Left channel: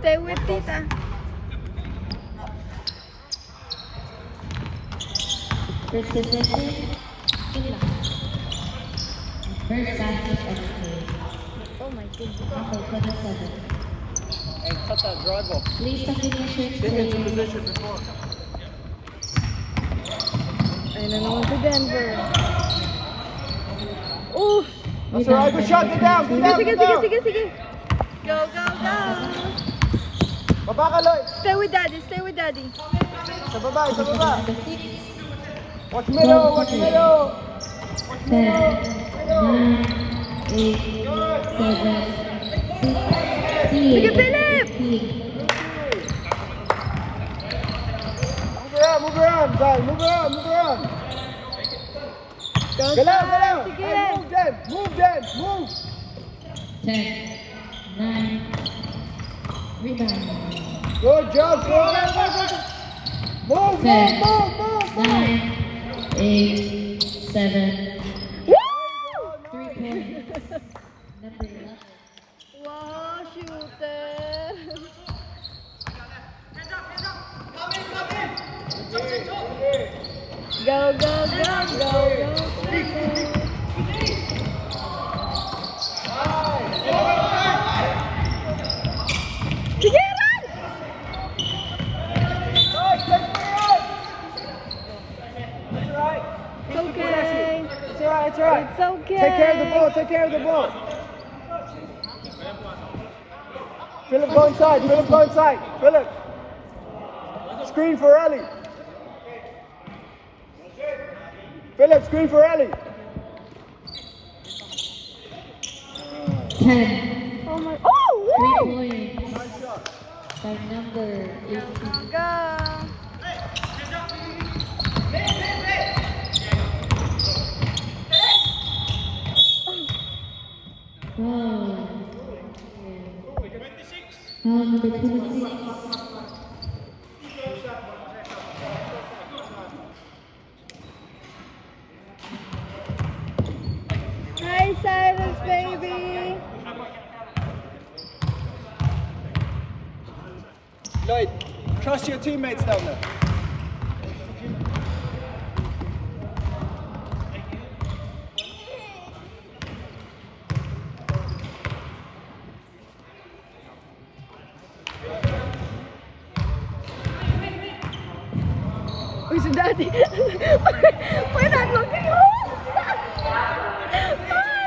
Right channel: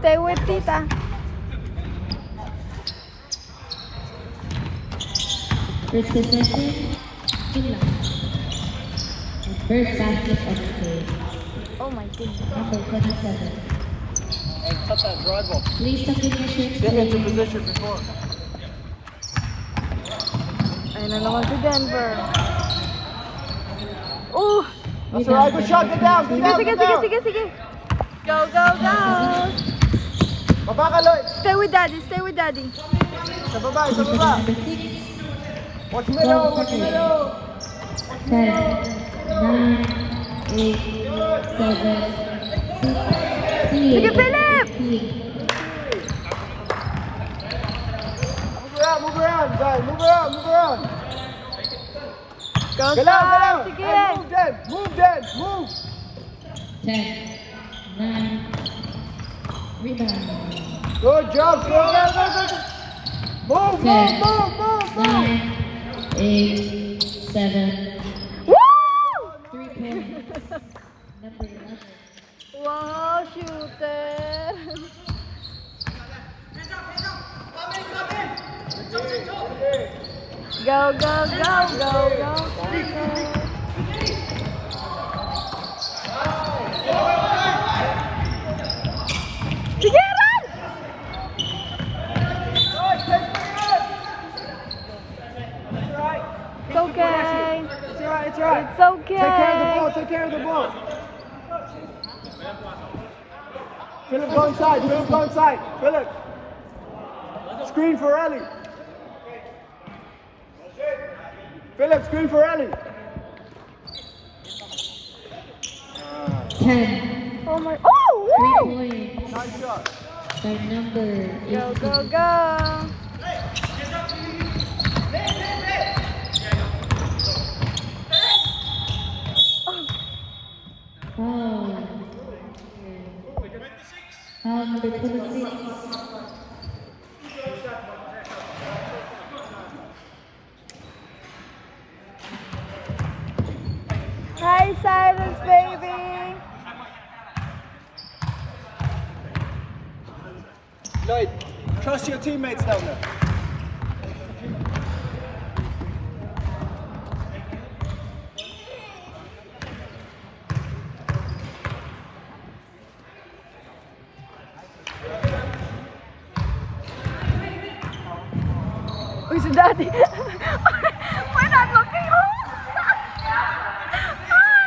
Stay with Tita. First possession, Sula. First basket of the play. Oh my God. Number 27. Please tuck in your shirt. Ayun na naman si Denver. Ooh! That's alright, good shot, get down, get down, Sige, get down. sige. Go, go, go! Stay with daddy, stay with daddy. Sa baba, sa baba. Watch 12 middle, watch seconds. middle. 10, 9, 8, 7, 6, 3, Sige, Philip! 15. Move around, guys, move around. Go, Galaw, Sam! galaw. Sige! Hey, move, Jen, move. 10, 9, rebound. Good job, go. Move, 10, move. 9, 8, 7, Woo! 3 points. Number 11. Wow, shooter! Go, go, go. Sige, run! It's okay. It's alright, it's alright. It's okay. Take care of the ball. Philip, go inside. Philip. Screen for Ellie. Philip, screen for Ellie. 10, Oh my. Oh! 3 Woo! points. By number 18. Go, go, go. Foul. Foul number 26. Hi, Silence, baby. Lloyd, trust your teammates down there. Uy, si Daddy. We're not looking home.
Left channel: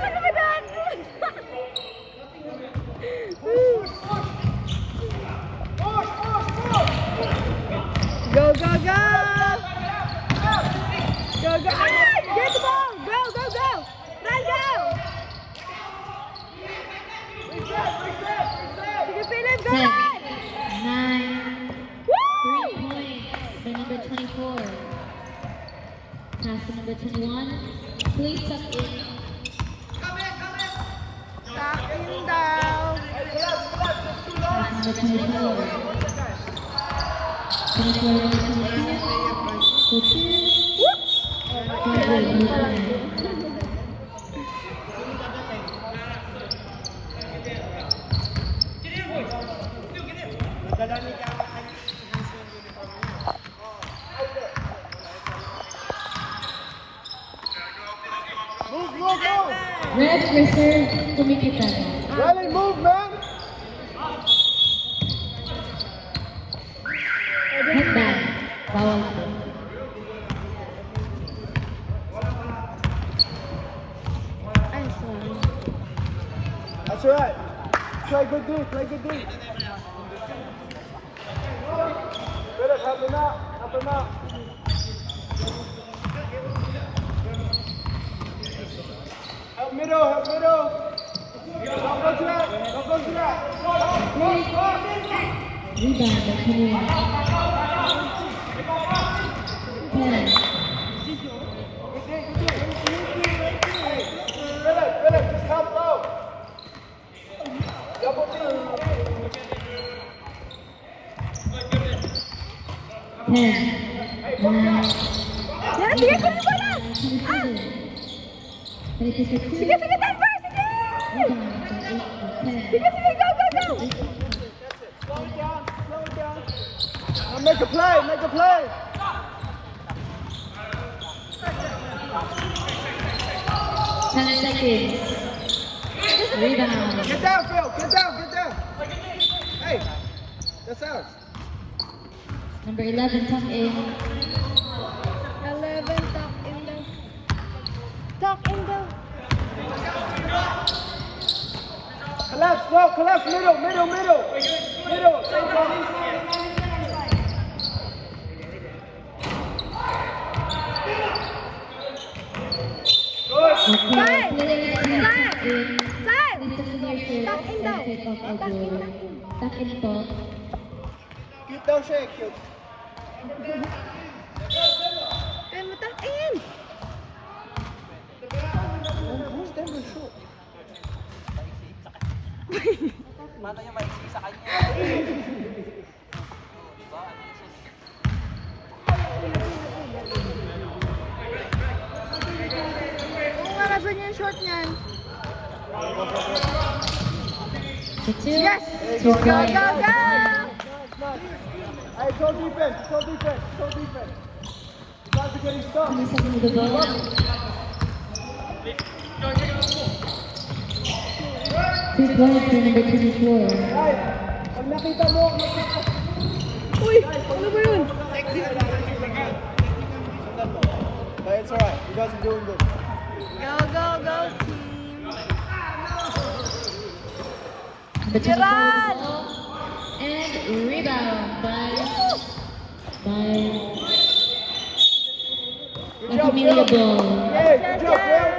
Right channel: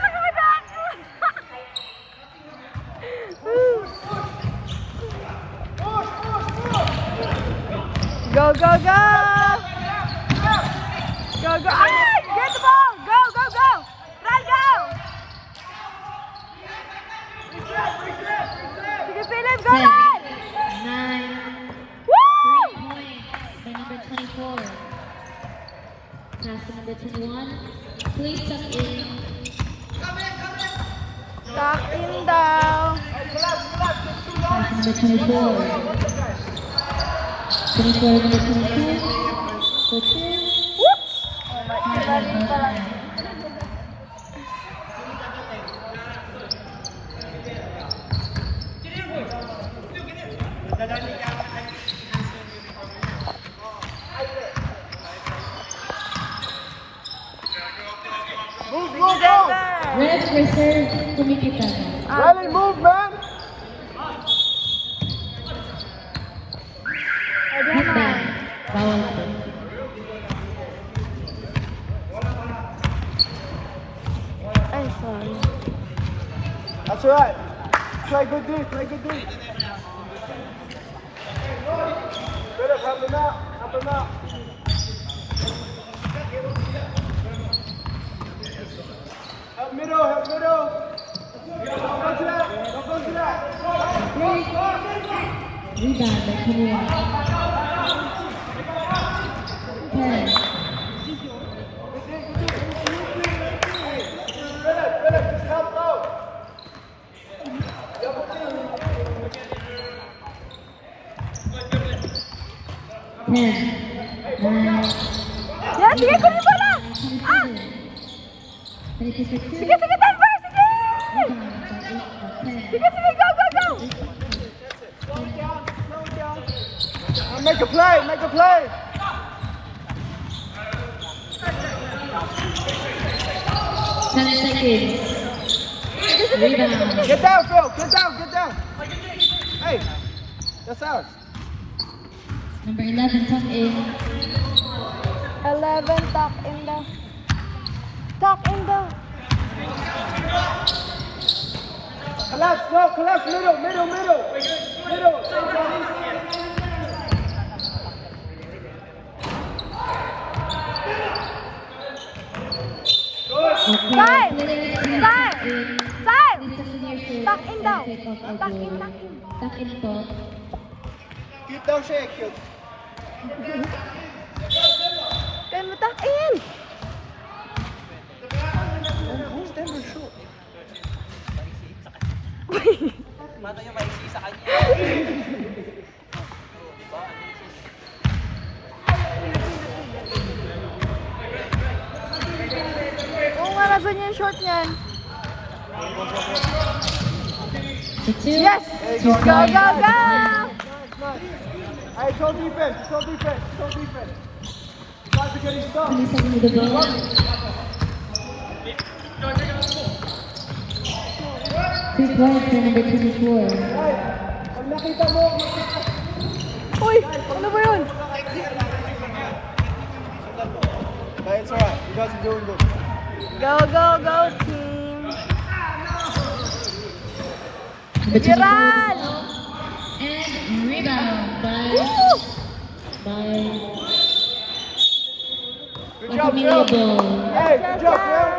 Look at my dad. Go, go, go. Go, go. Ah, get the ball. Go, go, go. Run, go. Sige, Philip, go 10, run. 9, Woo! 3 points by number 24. Pass to number 21. Please tuck in. Tuck in daw. Pass number 24. 24, number 25. For 2. Whoop! Oh my God, lalim pa lang yun. Red reserve Kumikita. Riley, move, man. Headband. Bawal po. Ay, sorry. That's alright. Play good D, play good D. Help middle. Don't go to that. Rebound by 21. 10. Philip, just help out. 10, 9, Yan, sige, kunin mo na! Ah! 22 for 2. Sige, sige, Denver! Sige! Rebound by 8 for 10. Sige, sige, go, go, go! Make a play, make a play. 10 seconds. Rebound. Get down, Phil. Get down, get down. Hey, that's ours. Number 11, tuck in. 11, tuck in the... Tuck in the... Collapse, no, collapse, middle, middle, middle. Middle. Okay, Side. players, please Side. tuck in. Side! Please tuck in your shirts Tuck in daw. and take off Tuck in, outdoor. tuck in. Tuck in po. Keep that shake. Kaya mo tuck in! Oo nga, nasa niya yung short niyan. The 2. Yes! 2 Go, points. go, go! Hey, go defense, go defense, go defense. Please help me with the ball. 2 points for number 24. Hey, pag nakita mo, Uy, ano ba yun? Hey, it's alright. You guys are doing good. Go, go, go, team! Number Sige, 24. Ran! And rebound by Good job, Amelia Phil. Ball. Hey, good job, Phil.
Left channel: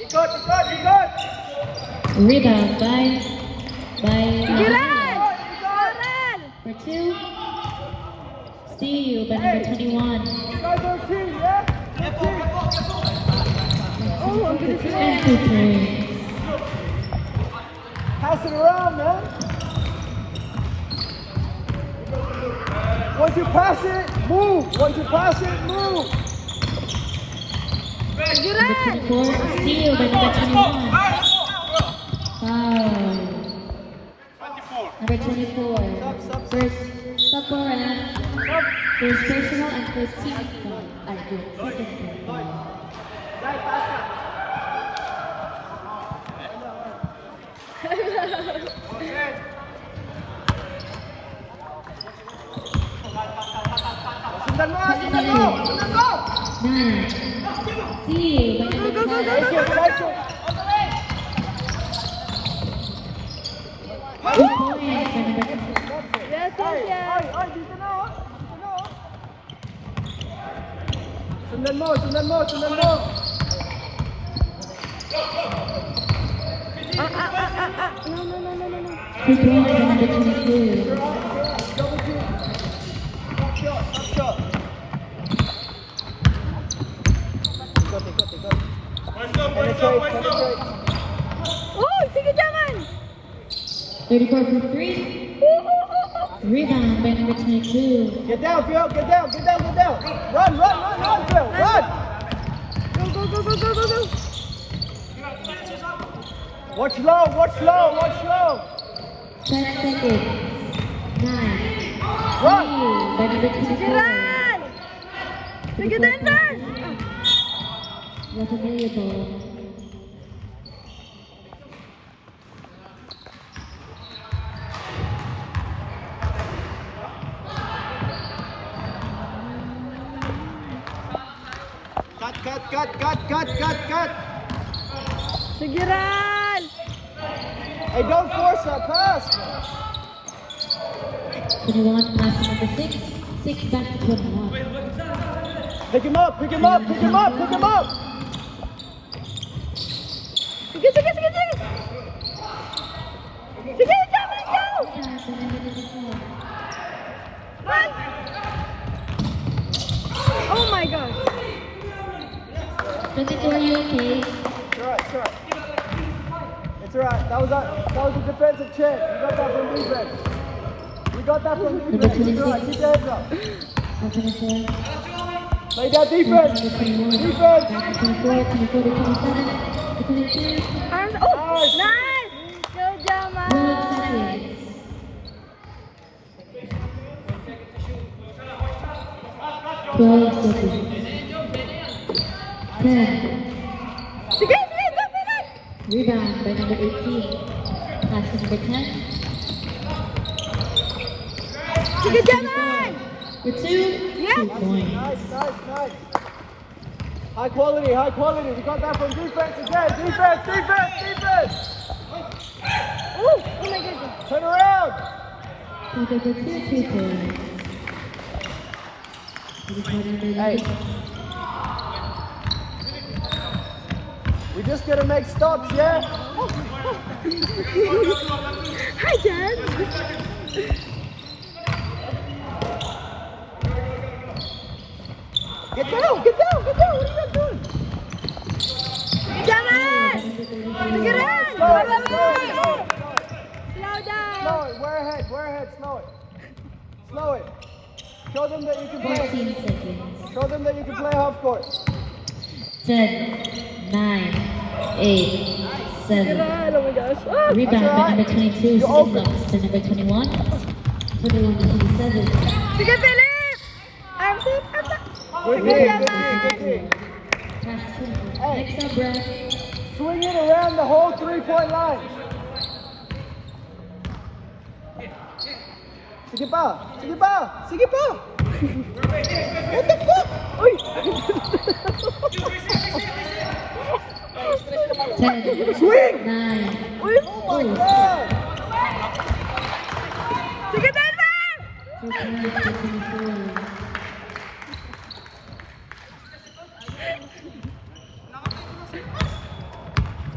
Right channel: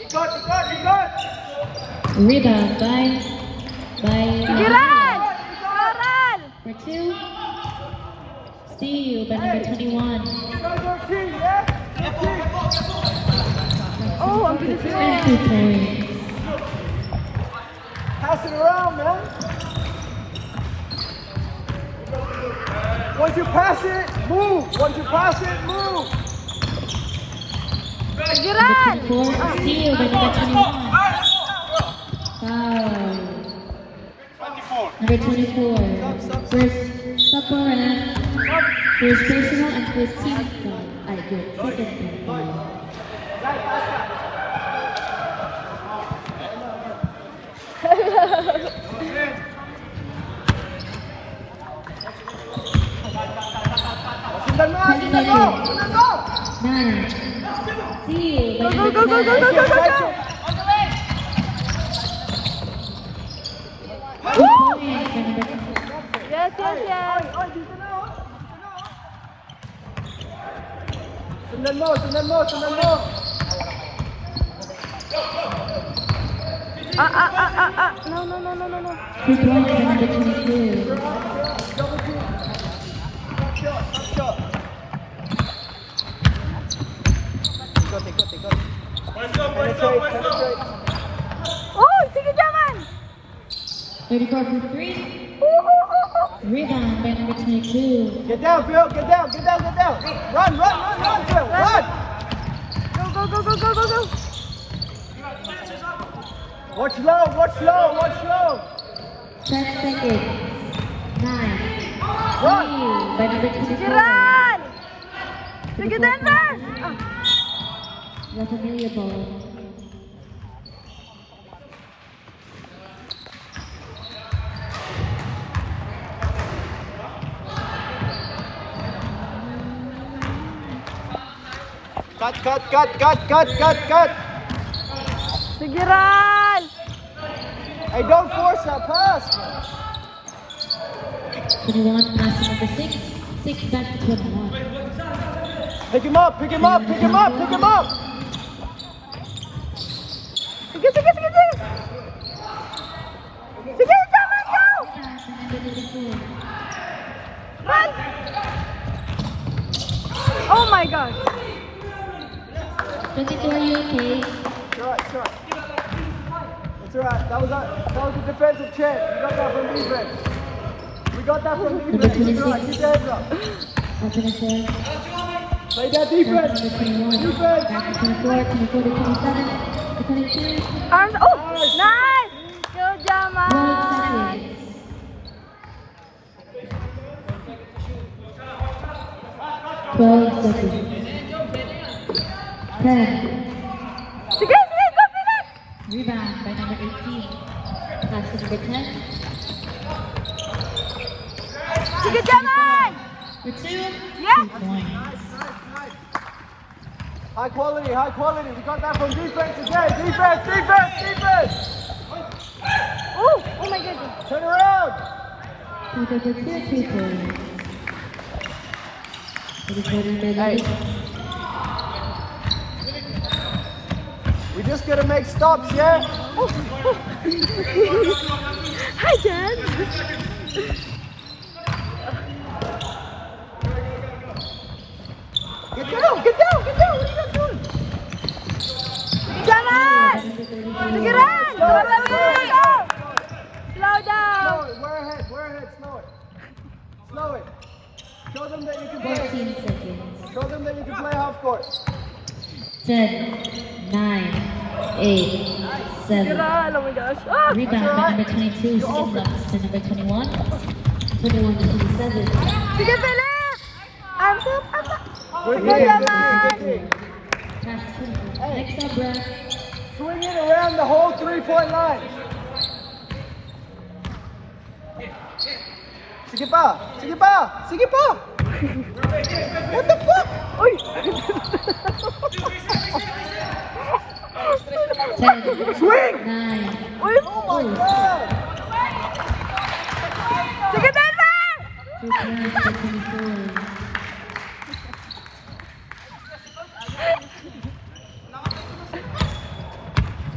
You got. Rebound by Sige, Ran! Aral! for 2. Steal by number 21. Oh, ang bilis mo. And 2 points. Pass it around, man. Once you pass it, move. Once you pass it, move. Sige, Number Ran! 24. Steal by number 21. Foul. Number 24. First couple and first personal and first team foul. Ay, good. Second team foul. Sundan mo nga, sundan mo. Sundan mo. 9. Steal by Go, number go, go, go, go, 12. go, go, go! 2 points by number 12. Yes, yes, yes! Sundan mo, sundan mo, sundan mo. No, no, no, no, no, no. 2 points by number 22. Double team. Top shot, top shot. Oh, sige, jangan! 34 for 3. Rebound by number 22. Get down, Phil. Get down, get down, get down. Run, run, run, run, Phil. Run. Go, go, go, go, go, go! Watch low, watch low, watch low. 10 seconds. 9. Run. Steal by number 24. Ran! Sige, Denver! La Familia Ball. Cut. Sige, Ran! Hey, don't force that pass, man. 21 plus number 6. 6 back to 21. Pick him up, pick him up, pick him up, pick him up. Sige, sige, sige, sige! Sige, jangan, go! What? Oh my gosh! 22, are you okay? Sure. alright. That was a defensive chance. You got that from defense. You got that from defense. Number 26. Defense. Back 24. Play that Back defense. number 21. Defense. Back to 24, 24 to 27, to 22. Arms. Oh, nice. Good job, 12 man. seconds. 12 seconds. 10. Sige, sige, go, Philip. Rebound by number 18. Pass to number 10. Sige, Jaman. For 2. Yes. 2 points. Nice. High quality. You got that from defense again. Defense. Oh, oh my goodness. Turn around. Number 2, 2 points. For the quarter number 11. You're just gonna make stops, yeah? Oh, oh. Hi, Jen. Get down. What are you doing? Jaman. Sige rin. Slow down. We're ahead. Slow it. Show them that you can 14 play. seconds. Show them that you can play half court. 10, 9, 8, 7. Oh my gosh. Oh. Rebound by number 22, second loss to number 21. 21 to 27. Sige, Philip. Arms up. Good Good game. job, man. Pass to next up, Brad. Swing it around the whole 3-point line. Sige pa. What the fuck? Uy. 10, Swing! 9, Uy. oh, Sige, Denver.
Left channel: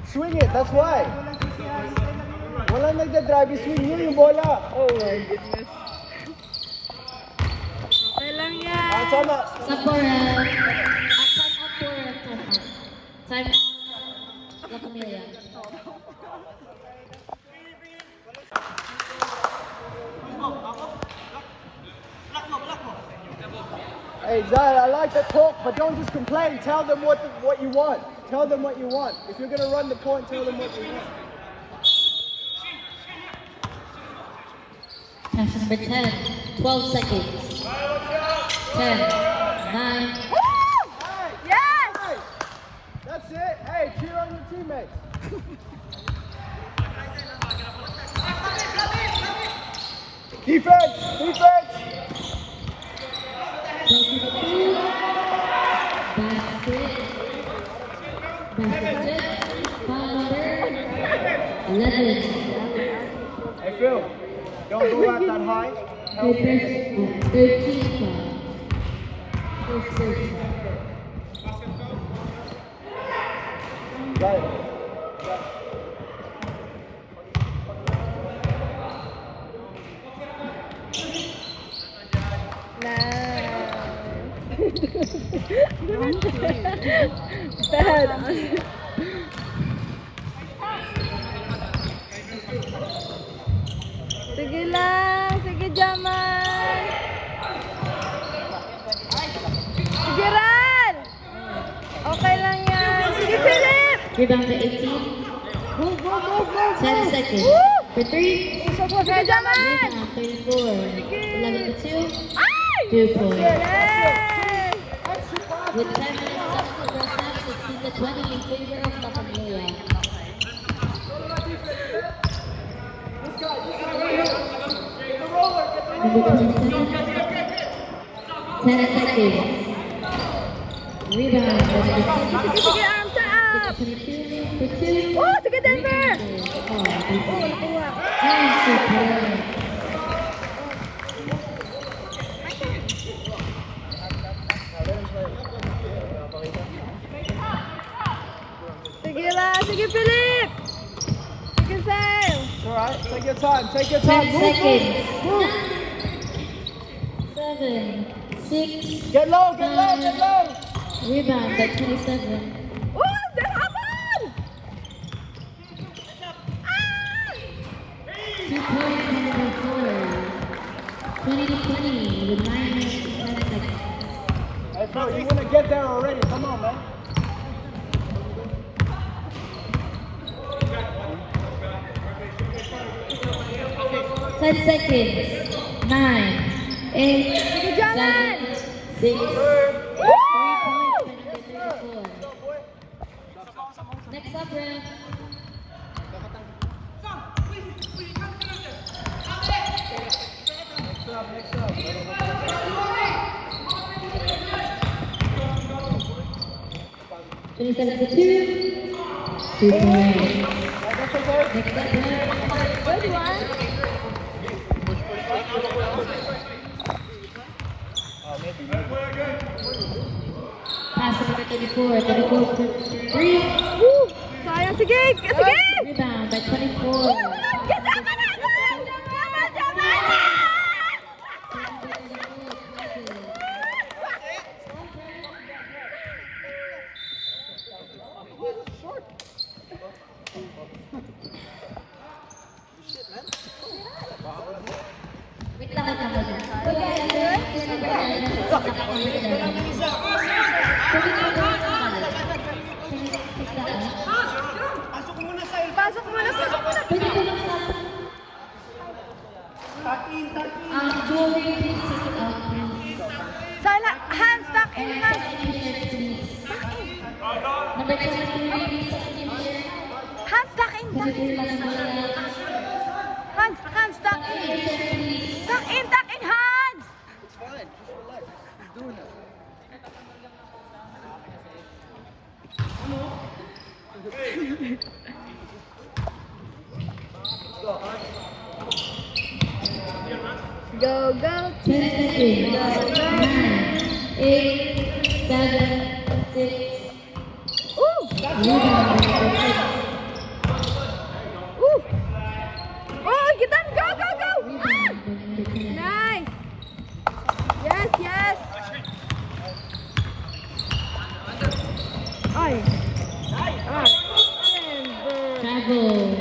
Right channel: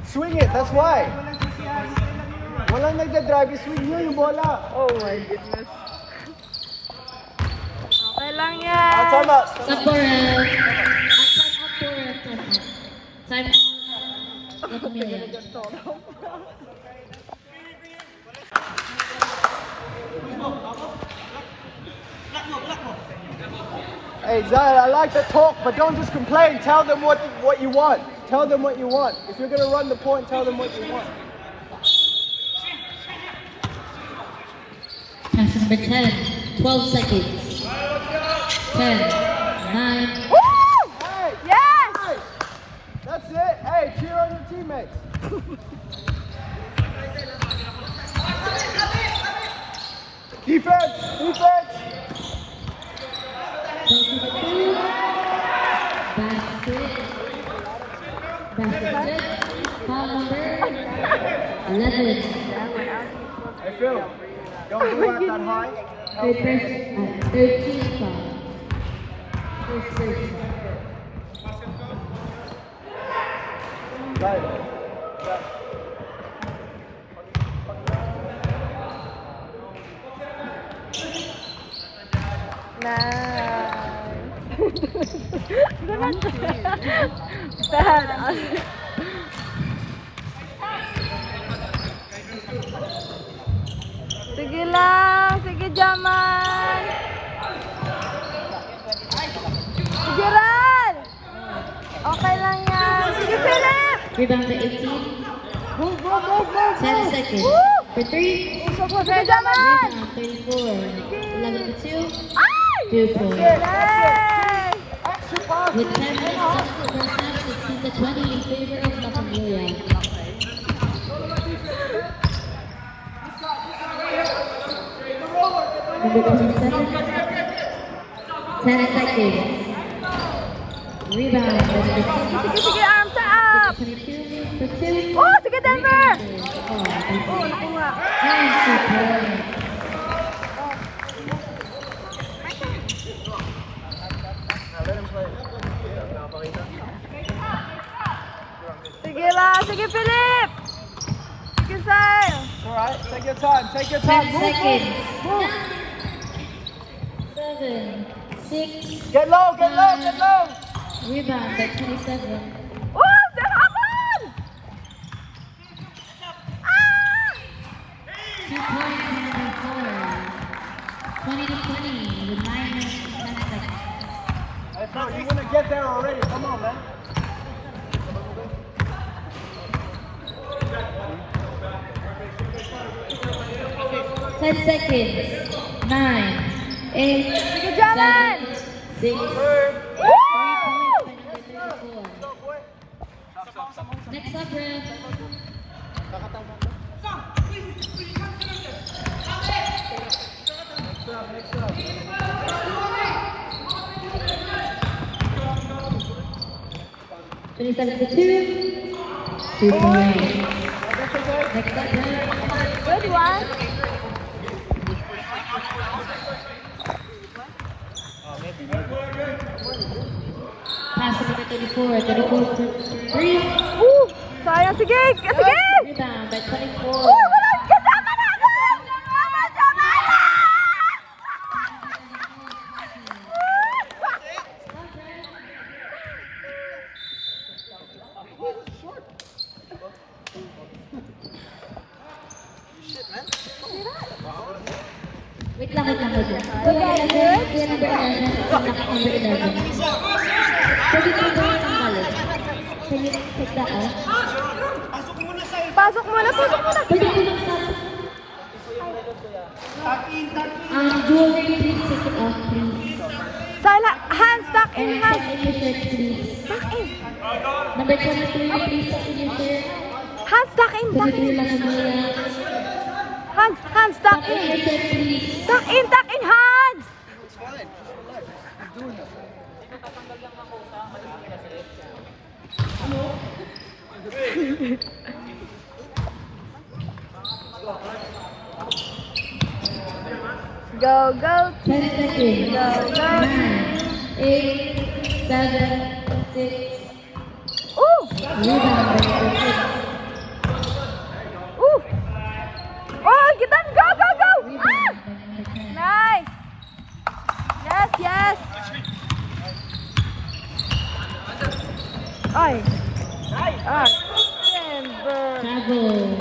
Swing it, that's why. Wala nagdadrive, swing mo yung bola. Oh my goodness. Okay lang yan. Tama. Stop for time out. Time out. La Familia. Hey Zion, I like to talk, but don't just complain. Tell them what you want. Tell them what you want. If you're gonna run the point, tell them what you want. Pass to number 10, 12 seconds. 10, 9, Woo! Hey! Yes! Hey! That's it. Hey, cheer on your teammates. Defense! basket. Foul number 11. Hey Phil, don't go out that high. Third person, 13 foul. First person. Got it. Dad. Sige lang. Sige, Jaman. Sige rin. Okay lang yan. Sige, Philip. Rebound to 18. Move. 10 seconds. For 3. Sige, Jaman. Rebound 34. 11 to 2. Ay! 2 points. Yes! Extra pass. With 10 minutes left in the first half, 16 to 20 in favor of La Familia. Number 27. 10 seconds. Rebound by number 10. Sige, arms up. 22 for 2. Oh, sige, Denver. And 2 points. Sige lang. Sige, Philip. Sige, Sal. Alright, take your time. 10 Move. seconds. Move. 7, 6. Get low. Rebound by 27. Oh, there's Aman. 10 seconds. 9, 8, Sige, Jaman! 7, 6, 3 Woo! points by number 34. Next up, ref. Next up. 27 to 2. 2 points. Next up, ref. Good one. Pass to number 34. 34 to 3. Woo! Sayang, sige! Sige! Rebound by 24. Woo! Wala! Get Jaman agad! Jaman! Jaman! Wait lang. Kuya, number 11. Lock number 11. Pwede mo ba yung tanggalin? Can you take that off? Pasok muna, pasok muna! Pwede ko lang sa... Jewelry, please take it off, please. Sala, hands, tuck in, And hands. tuck in your shirt, please. Tuck in. Number 23, please tuck in your shirt. Hands, tuck in, tuck in. 23, Masamura. Hands, tuck Tuck in your in. shirt, please. Tuck in, hands! Go, go, 10 seconds. go, go. 9, 8, 7, 6. Ooh! Rebound by number 6. Ooh! Oh, get them! Go, go, go! Ah! Rebound by number 10. Nice! Yes, yes! Ay! Ah! Timber! Travel.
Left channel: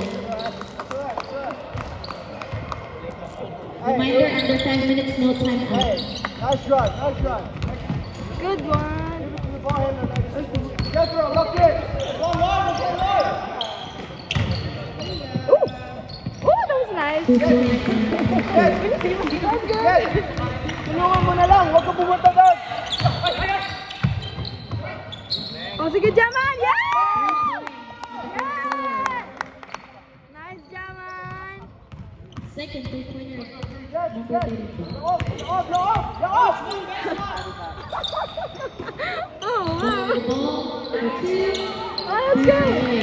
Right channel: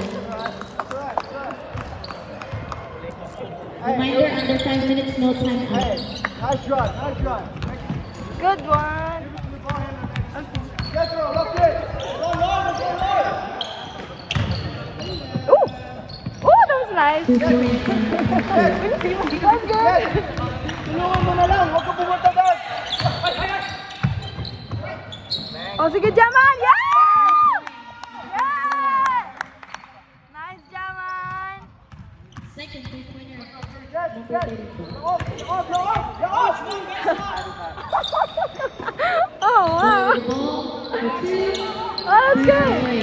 Reminder, under 5 minutes, no time out. Nice try. Good one! Get her, look it. Ooh! Ooh, that was nice! 2 points. That's good! Tulungan mo na lang, huwag ka pumatagal. Oh, sige, Jaman! Yeah! Yeah! Nice, Jaman! Second 3-pointer, number 32. Oh, wow! The ball for 2. Oh, that's good!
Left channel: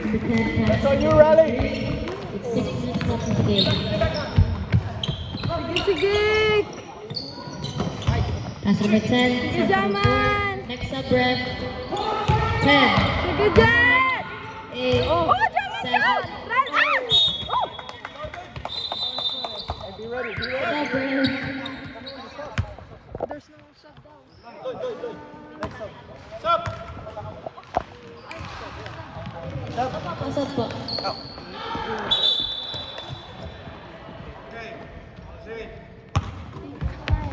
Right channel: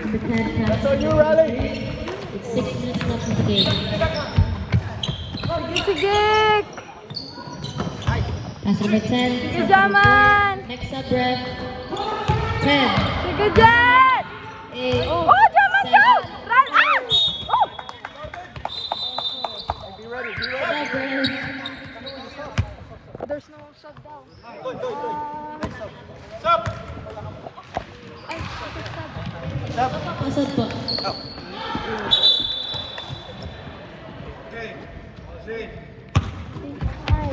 Number 10 pass. So you ready? It's 6 minutes left in the game. Sige! Pass number 10. Sige, Jaman! Next up, ref. 10, Sige, Jet! 8, Oh, Jaman, Jet! Run! Ah! Oh! sub, ref. There's no sub ball. Ay, sub. Pasad po. Ay.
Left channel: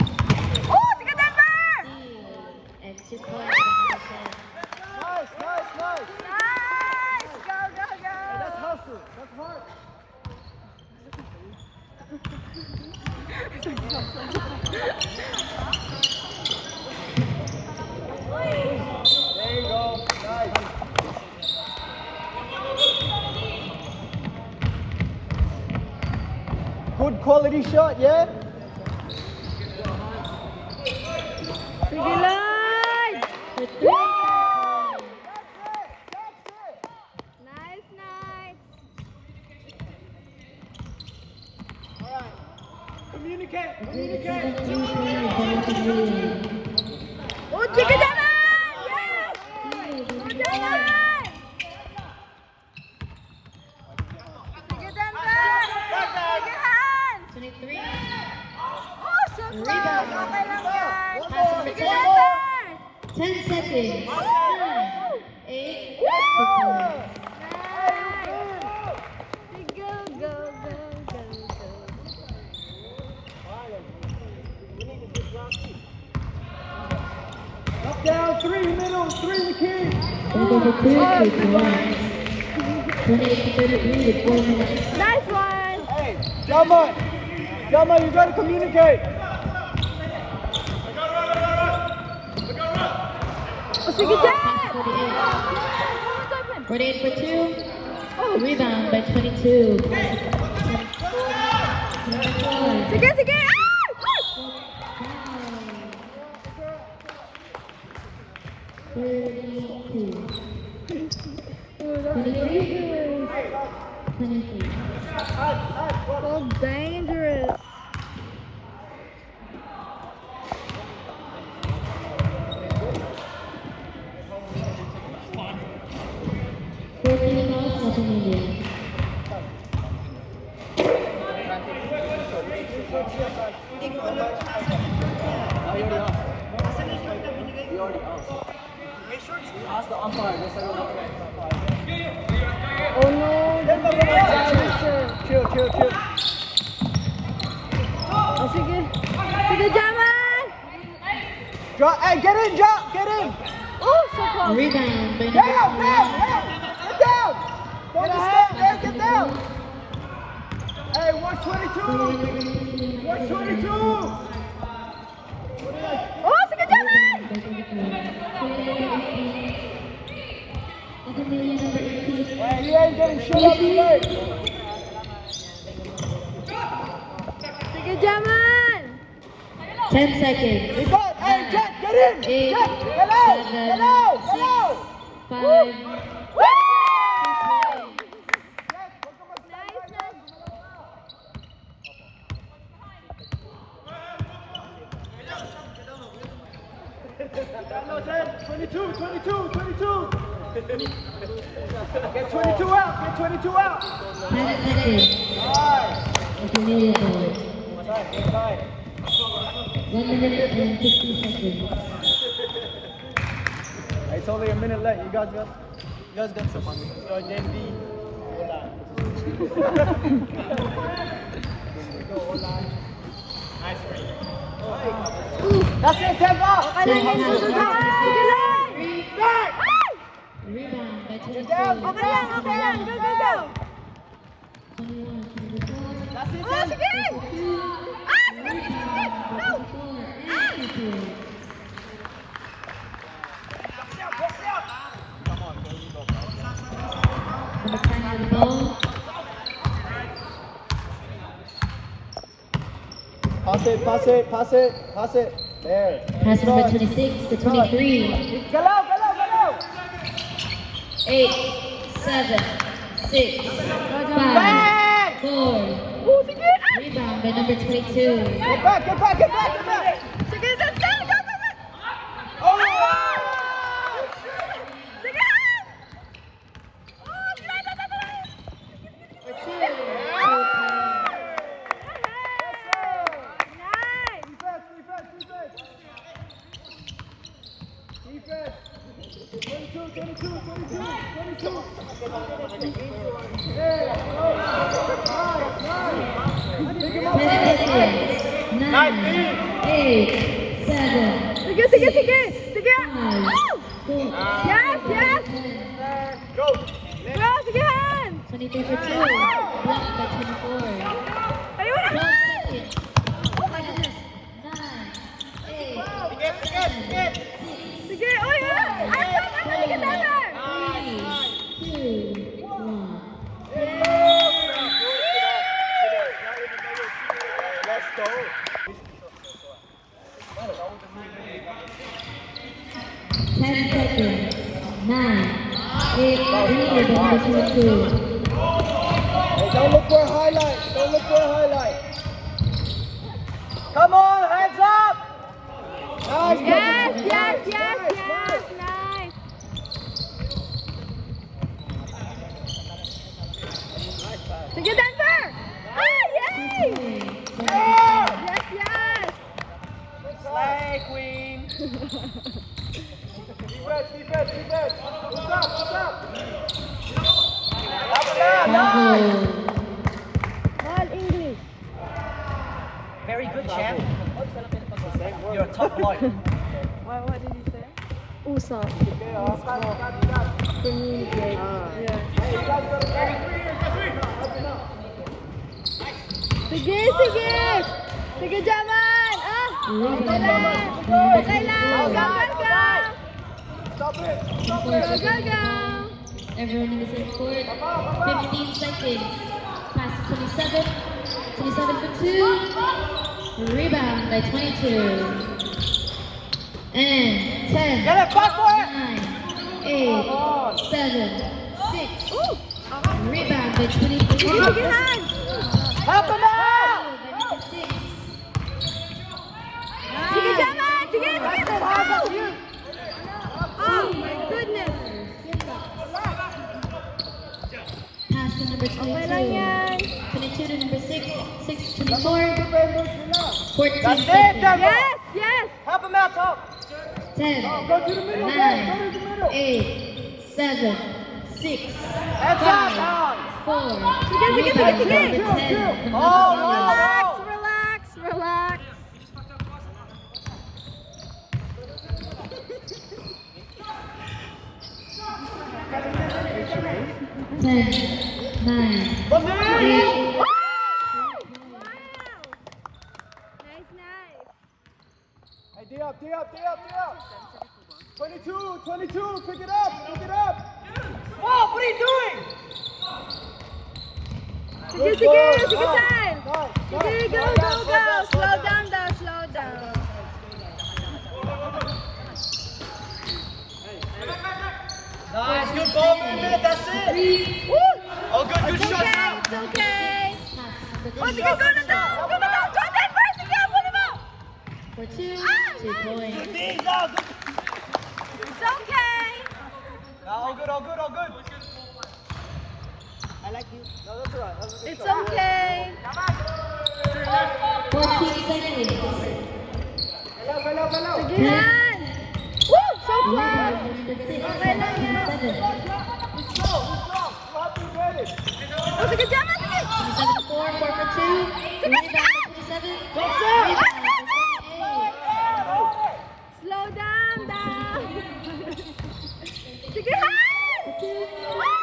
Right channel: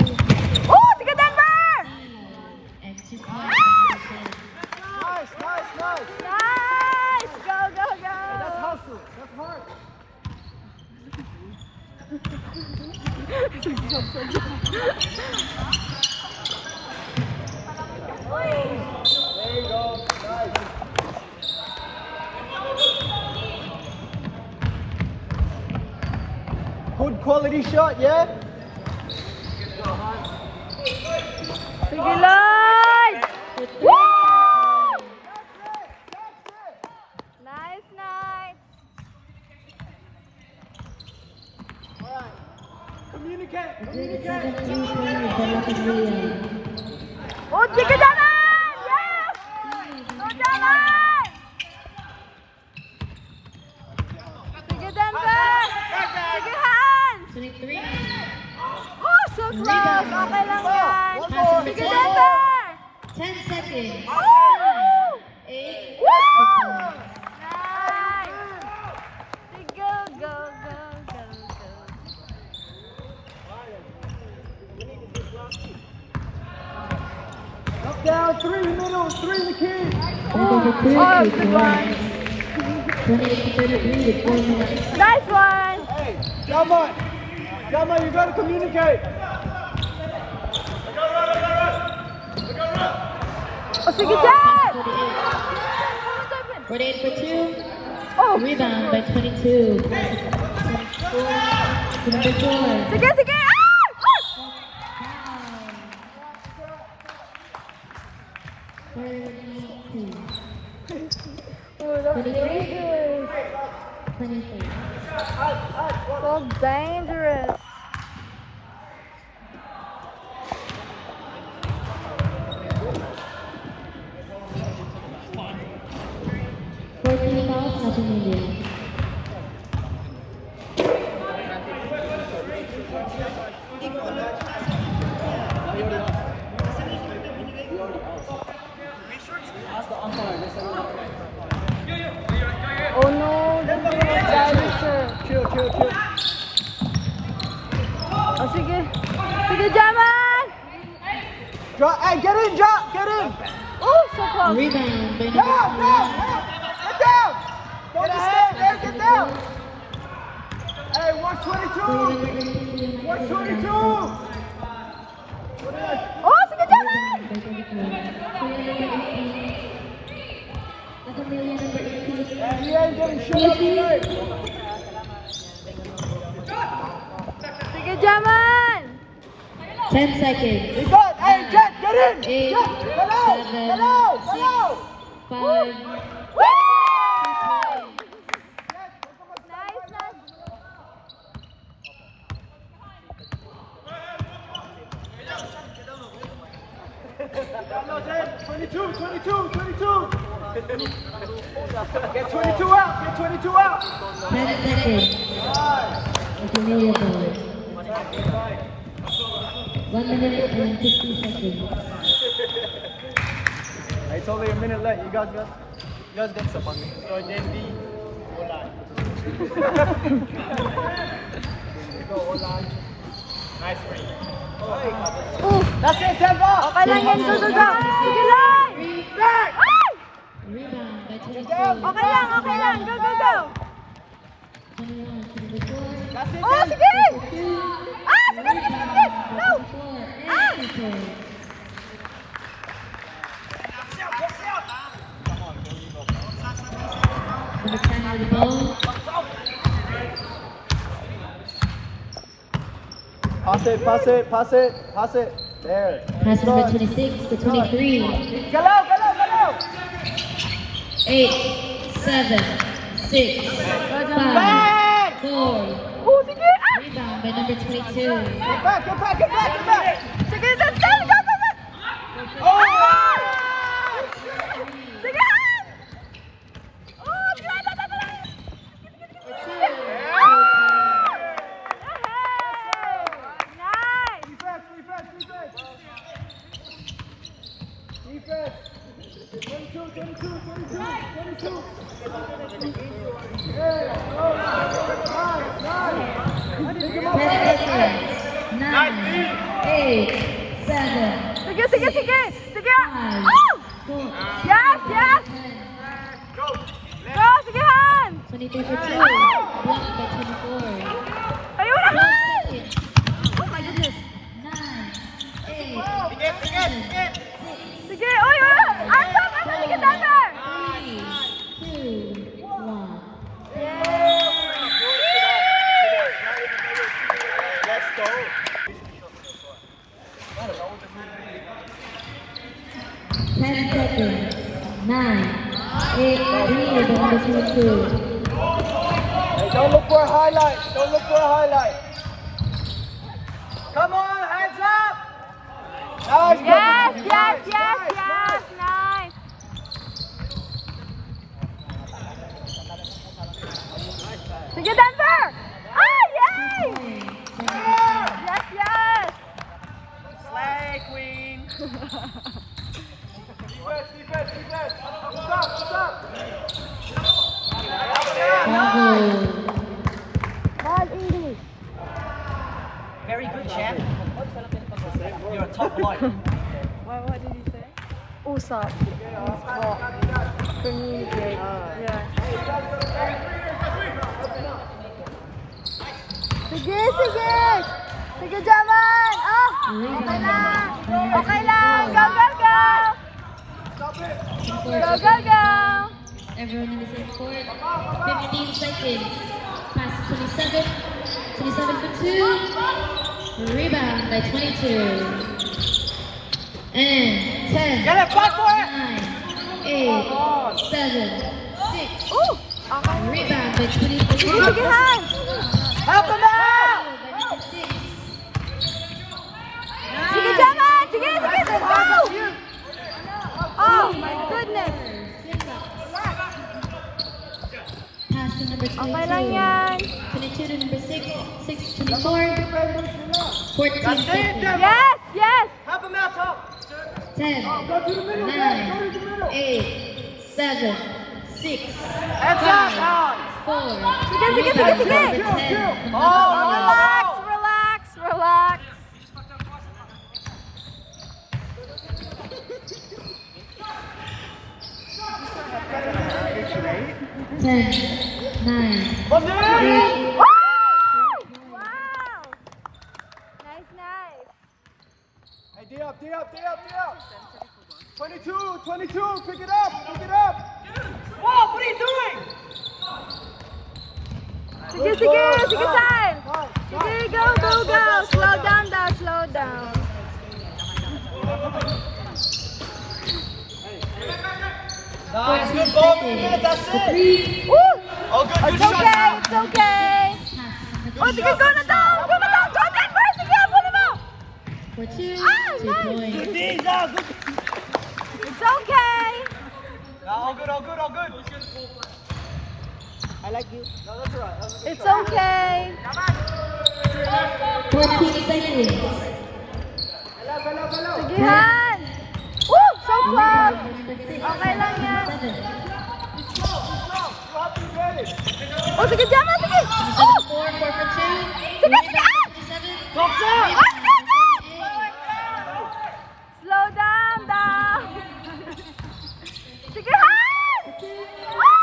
Oh, sige, Denver! And 2 points. Nice! Go, go, go! There you go. Nice. Good quality shot, yeah? Sige, Lloyd! Woo! Nice, nice! Communicate. 7 3-pointers by Lapis Williams. Oh, sige, Jaman! Yes! Oh, Jaman! Sige, Denver! Sige, Hans! 23. Oh, so close! Okay lang yan! Sige, Denver! 10 seconds. Woo! 8, Woo! Nice! Sige, go, go, go, go, go. Up, down, 3 middle, 3 the key. Over for 2, Oh, 2 good one. points. 28 to 33 with 4 minutes. Nice one! Yama, you gotta communicate. Oh, sige, Jen! 48 for 2. Oh, Rebound by 22. Number 4. sige, sige! Ah! Oh, that's dangerous. 23. So dangerous. Nothing Indian. Oh no, that's the direction. Chill. Oh, sige. Sige, Jaman! Hey, get in, Jack, get in. Oh, so close. Rebound by number 21. Get ahead, get down. Hey, 122. 122. Oh, sige, Jaman! Hey, you ain't getting shut up today. Sige, Jaman! 10 seconds. We got. Hey, Jet, get in. 8, Jet, get out. 7, Get out. 6, Get out. 5. Woo! No, Jet, 22. Get 22 out. Get 22 out. 10 seconds. Aguilera ball. 1 minute and 50 seconds. It's only a minute left. You guys get some on me. That's it, Tempa. Okay lang yan, susuga. Sige lang! Back. Ay! Rebound by 22. Okay lang. Go, go, go! That's it, Oh, Tem. sige! Ah, sige! Go! Ah! Number 10 with the ball. Pass it. There. Pass number 26 to 23. 8, 7, 6, 5, 4. Oh, sige! Ah! Rebound by number 22. Get back. Sige, go! Ah! Sige! Oh, tara! Nice! Defense. 22. Yeah. Oh. Nice. Pick him up. 10 seconds. 9, 8, 7, Sige! 5, Oh! 4. Yes! Go, sige, Han! 23 for 2. Blocked by 24. Ayaw na, 12 Han! seconds. Oh my goodness! 9, 8, 7, 6, Sige, oy! Asa, sige, Denver! 3, 2, 1. Ten seconds. 9, 8, lead by number 22. Hey, don't look for a highlight. Come on, hands up. Nice. Yes! Nice. Nice! Sige, Denver! Ah, yay! Yes! Slay, queen. Bravo. Ball English. Very good, champ. You're a top lawyer. What did he say? Usap. Means talk. Communicate. Yeah. Sige, sige. Sige, Jaman. Oh, okay lang. Okay lang. Go, go, go. Go, go, go. Everyone in the same court. 15 seconds. Pass 27. 27 for 2. Rebound by 22. And 10. 9. 8. 7. 6. Rebound by 23. Sige, sige, Han. Sige, Jaman. Sige, sige, sige, go. Oh, my goodness. Pass to number 22. Okay lang yan. 22 to number 6. 6 to 24. 14 That's it, seconds. Devin. Yes, yes. Help him out, Tom. 10, 9, 8, 7, 6, 5, 4. Sige, sige, Rebound sige. number 10. Oh, relax, relax, relax. Ten, 9, 8. Wow! Nice, nice. Hey, D up, D up, D up, D up. 22, 22, pick it up, pick it up. Whoa, what are you doing? Sige, sige, sige, Sai. Sige, go, go, go. Slow down daw, slow down. Nice, good ball, man, that's it. 3. Woo! Oh, good, good It's shot. okay, it's okay. Pass to Oh, number sige, go na down, go na down. Go, Denver, sige, abulin mo. 2 for 2. Ah, 2 nice. points. It's okay. All good, all good, all good. I like you. It's okay. 14 seconds. Sige, Han. Woo! So close. Rebound number 6. Okay lang yan. 7. Oh, sige, Jaman, sige. 27 4 for 2. Sige, sige. Rebound number 27. Slow down daw. Sige, Han. Woo!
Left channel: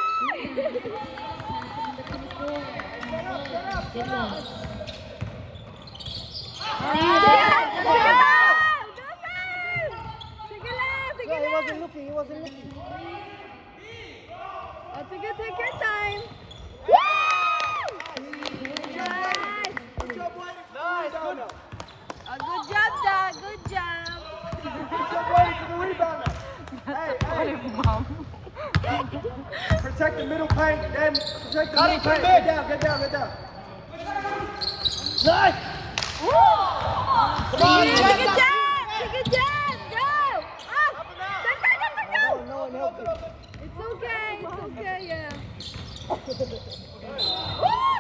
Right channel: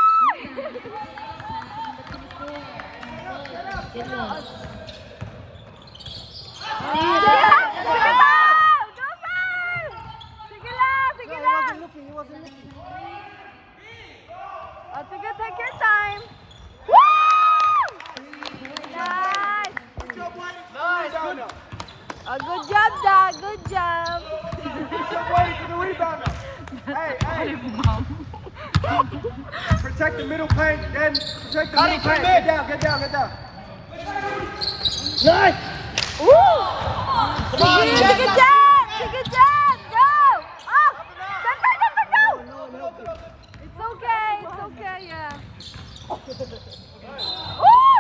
Good luck. Sige, Han. Sige daw. Go, Han. Sige lang, sige lang. Oh, sige, take your time. Woo! Nice. Oh, good job, Dad. Good job. That's a funny mom. Protect the middle paint, then protect the middle paint. Get down, get down, get down. Nice. Woo! Sige, sige, Dad. Sige, Dad. Go. Oh, Denver, Denver, go. It's okay. It's okay, yeah. Woo!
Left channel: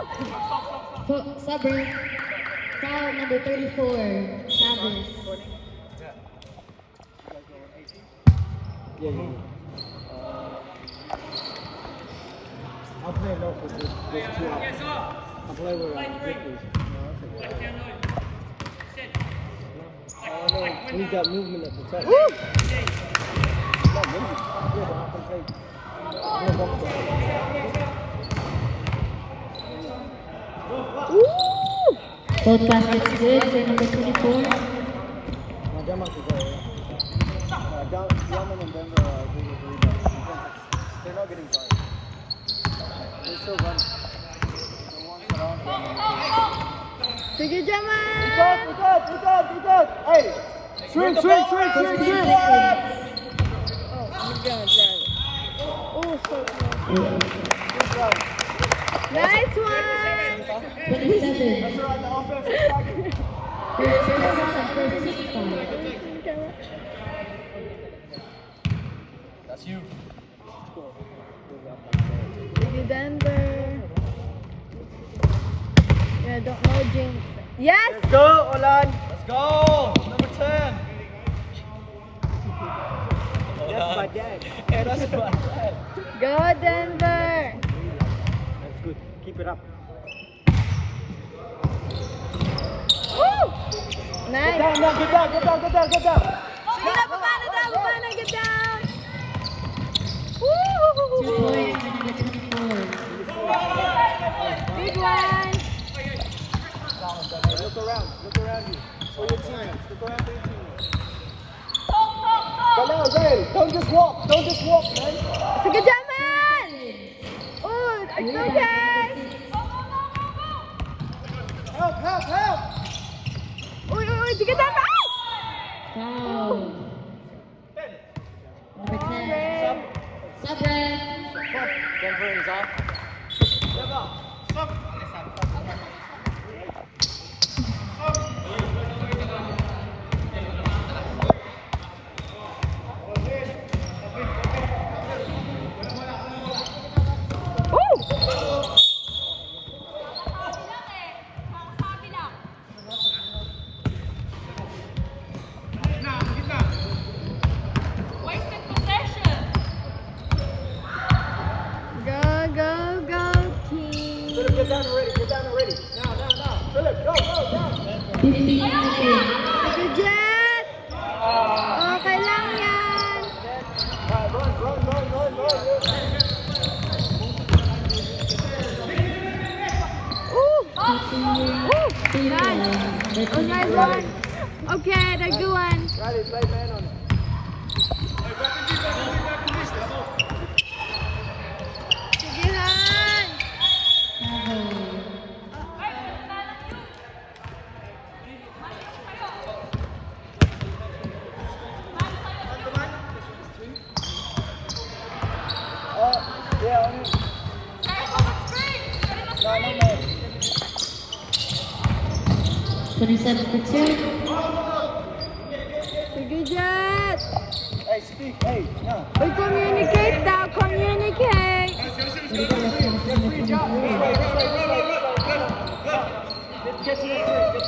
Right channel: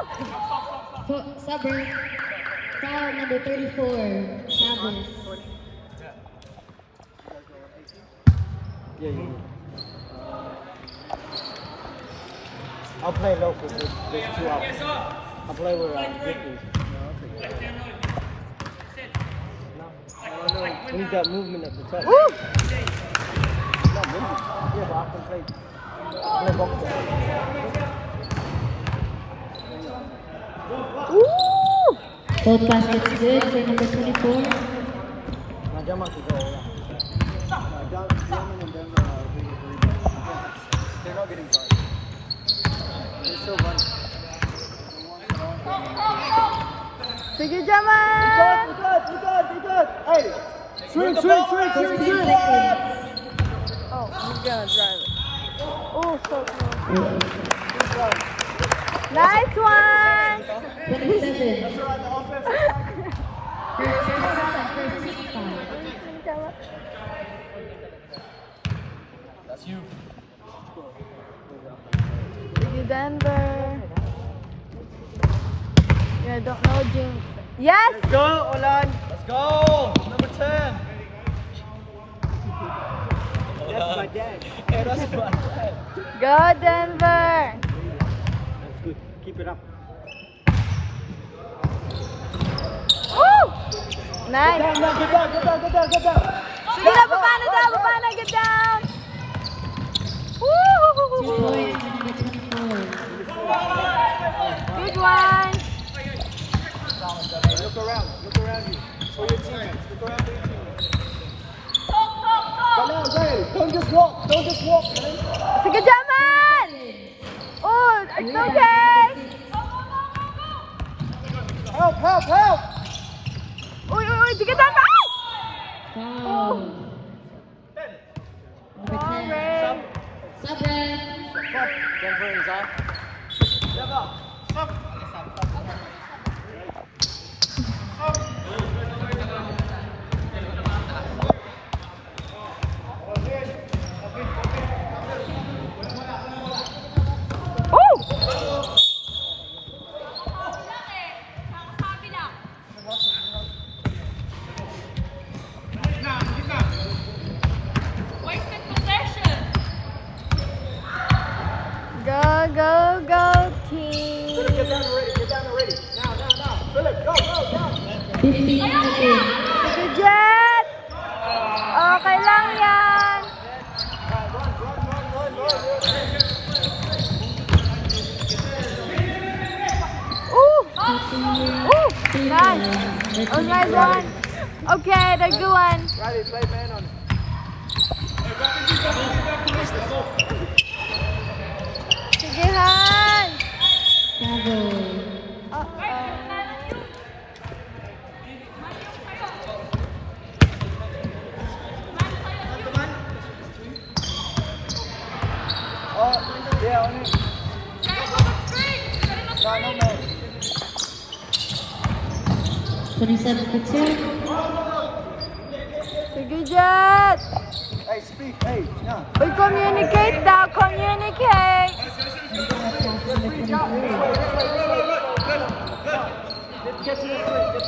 Subber. Foul number 34. Chavez. Yeah. I'll play low for this 2 hours. I'll play with Ricky. We need that movement at the top. Woo! Not movement. Yeah, but I can play both of them. Woo! Both baskets good for number 24. Now, Jamal can go. Sige, Be Jaman. good, be good, be good. Hey, swing, swing, swing, swing, 14 swing. seconds. Oh, I'm gonna drive it. Oh, so close. Nice one. 27. First foul and first team foul. That's you. Sige, Denver. Yeah, don't know James. Yes. Go, Olan. Let's go. Number 10. That's my dad. Hey, that's my dad. Go, Denver. That's good. Keep it up. Woo! Nice. Get down, get down, get down, get down, get down. Sige na, baba na daw, baba na, get down. 2 Woo! points for number 24. Big one. Don't just walk. Don't just walk, man. Sige, Jaman! Oh, it's okay! Help, help, help! Uy, uy, uy, sige, Jaman! Foul. Number 10. Ray. Sub-red. Denver is off. Oh! Go, go, go, team! 15 seconds. Sige, Jet! Okay lang yan! Ooh! Ooh! Nice! That was nice one! Okay, that's good one! Sige, Han! Travel. Twenty-seven for 2. Sige, Jet! Hey, speak. Hey, yeah. Uy, communicate daw! Communicate! Ready to left pass number 23.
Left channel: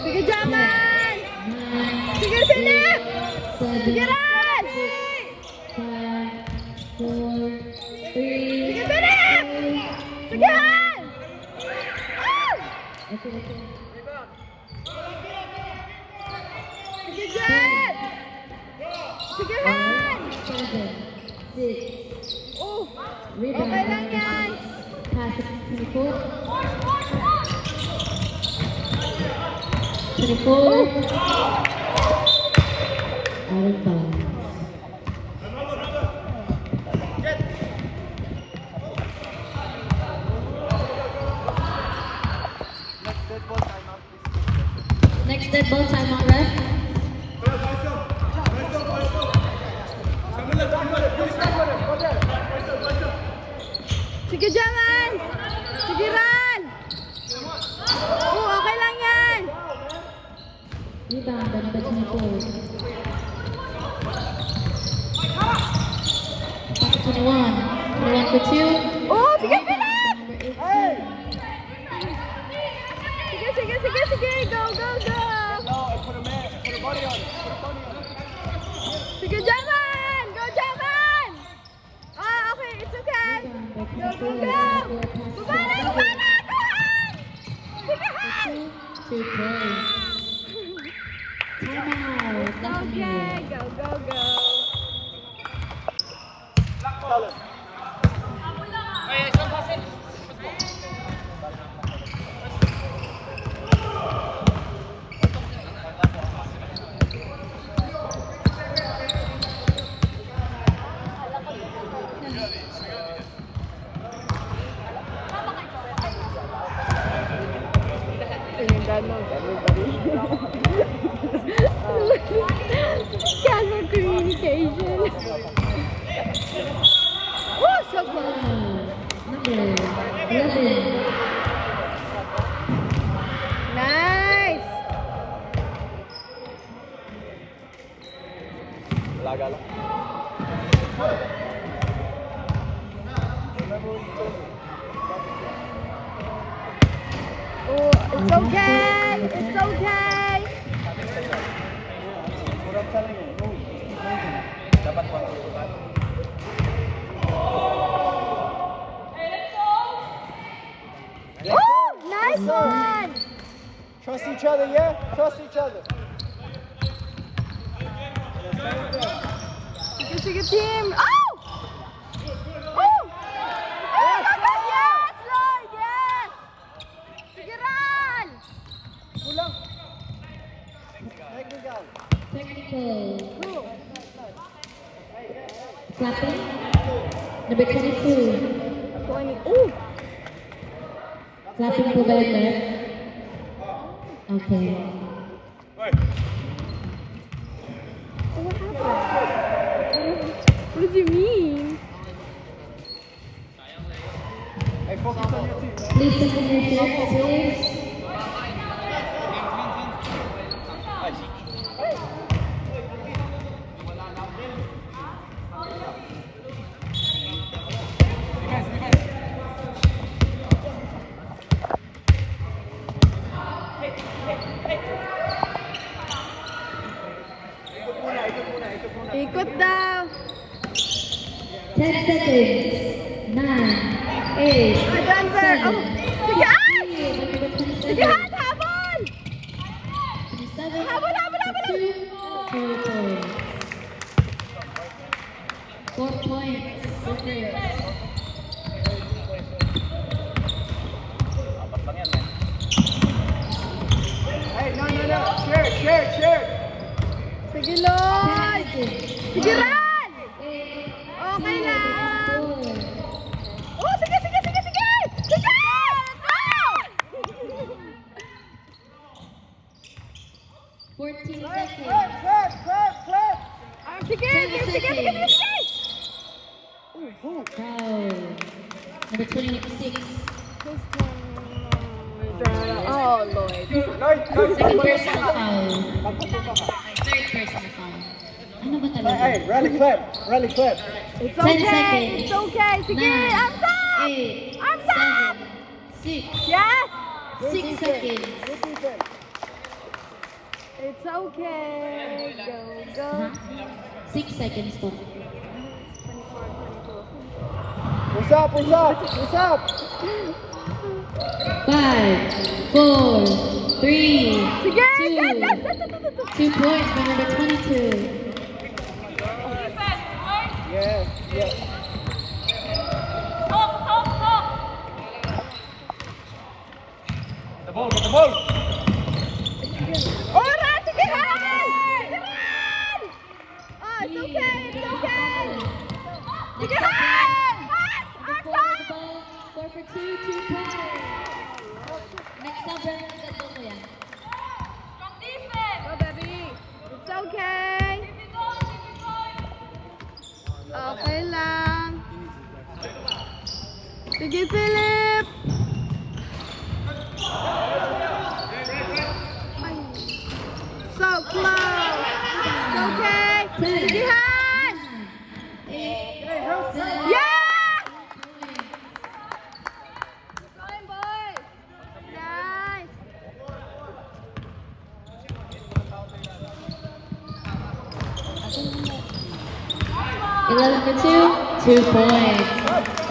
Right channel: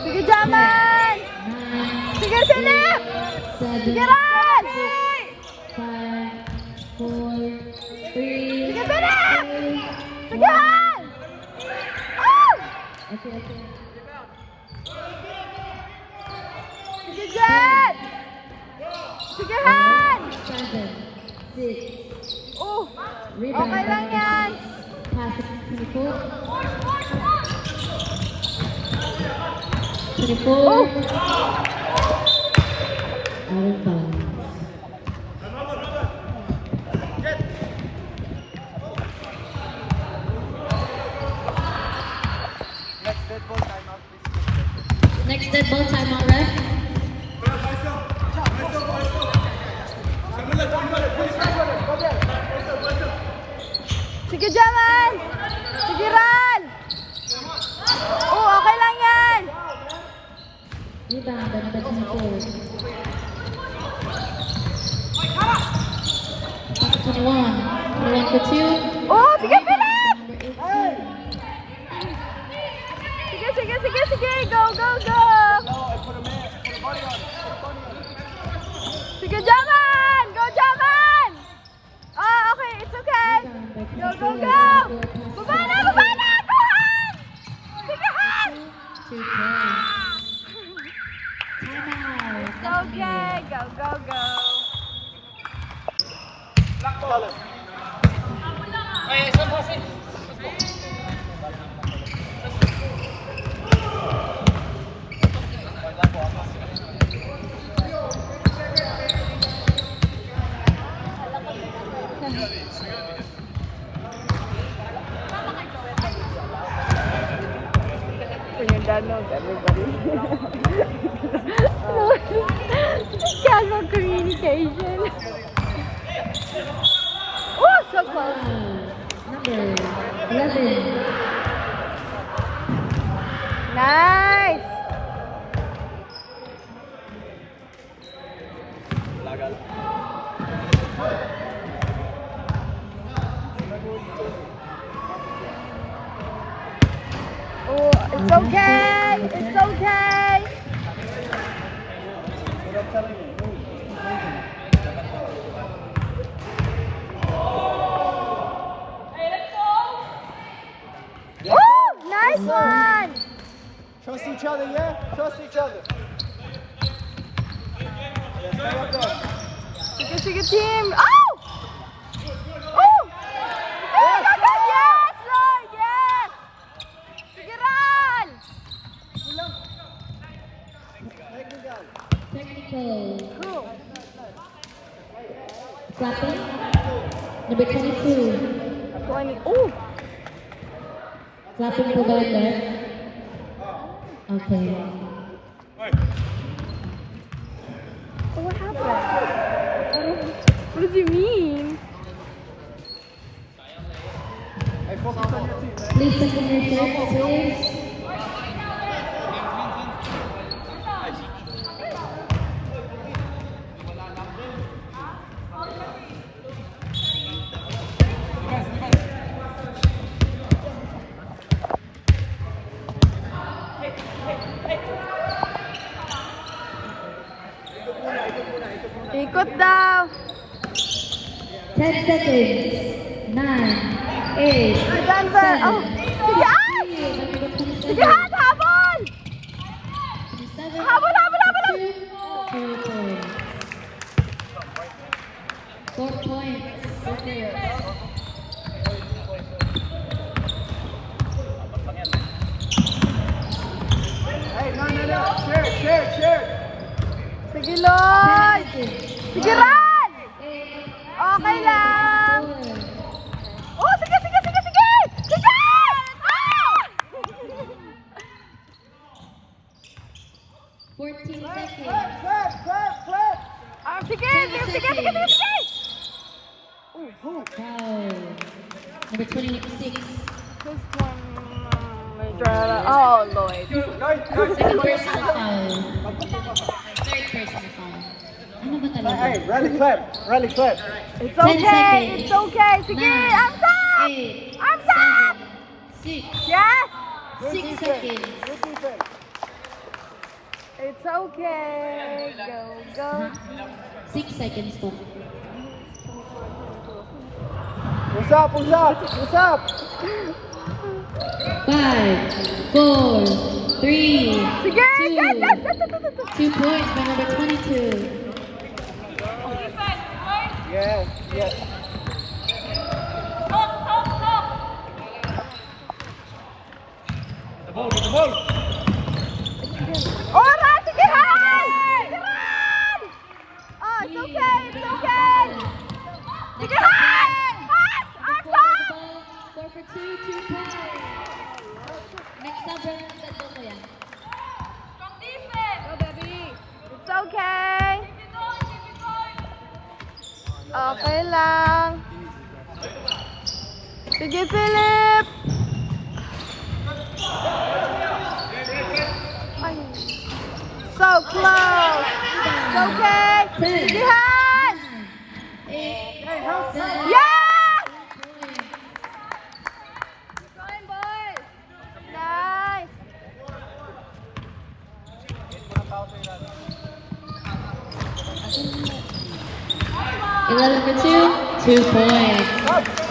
Sige, Jaman! 9, Sige, Philip! 7, Sige, Ran! 5, 4, 3, Sige, Philip! Sige, Han! Ah! Okay, okay. Sige, Jet! Sige, Han! 7, 6. Oh! Rebound. Okay lang yan! Pass to 24. 24. Out of bounds. Next dead ball timeout, please. Next dead ball timeout, ref. Sige, Jaman! Sige, Ran! Oh, okay lang yan! Rebound, number 24. Pass to 21. 21 for 2. Oh, sige, Philip! Number 18. Sige, sige, sige, sige! Go, go, go! Sige, Jaman! Go, Jaman! Oh, okay, it's okay! Go, go, go! Baba na, baba na! Go, Han! Sige, Han! To play. Timeout. It's okay! Go, go, go! Your dad knows everybody. Casual communication. Oh, so close. Number 11. Nice. Oh, it's okay. It's okay. Oh, nice one. Trust each other, yeah? Trust each other. Sige, sige, team. Oh! Oh! Oh, go, go. Yes, Roy, yes. Sige, run. Technical. Cool. Clapping. Number 22. 20. Oh! Clapping po ba yung left? Okay. What happened? What did you mean? Hey, focus on your team, man. Please take your shirt, please. Ikot daw. 10 seconds. 9, 8, Denver. 7, Oh. Sige, ay! 6, Sige, Han, habol! 27, Habol, habol, habol! 2 points. 4 points. Okay. Hey, no. Share. Sige, Lord. 10 seconds. Sige, Ran! 8, Okay lang. 4, Oh, sige! Sige! Let's go! 14 seconds. Ah, sige! Foul. Number 26. This one, oh, Lord. Second personal foul. Third personal foul. Ano ba talaga? Hey, rally clap. It's 10 okay, seconds. it's okay. Sige, 9, arms up! 8, Arms up! 7, 6, Yes! 6 seconds. Good defense. It's okay. Go. 6 seconds po. What's up? 5, 4, 3, Sige! 2, Yes! 2 points by number 22. Yes. The ball. Oh, Ran! Sige, Han! Oh, it's okay. Sige, Han! Arms up! 4 for 2, 2 points. Next up, Brandon, tatlo mo yan. Go, baby. It's okay. Okay lang. Sige, Philip. So close. It's okay. Sige, Han. Yes! Nice. 11 for 2, 2 points.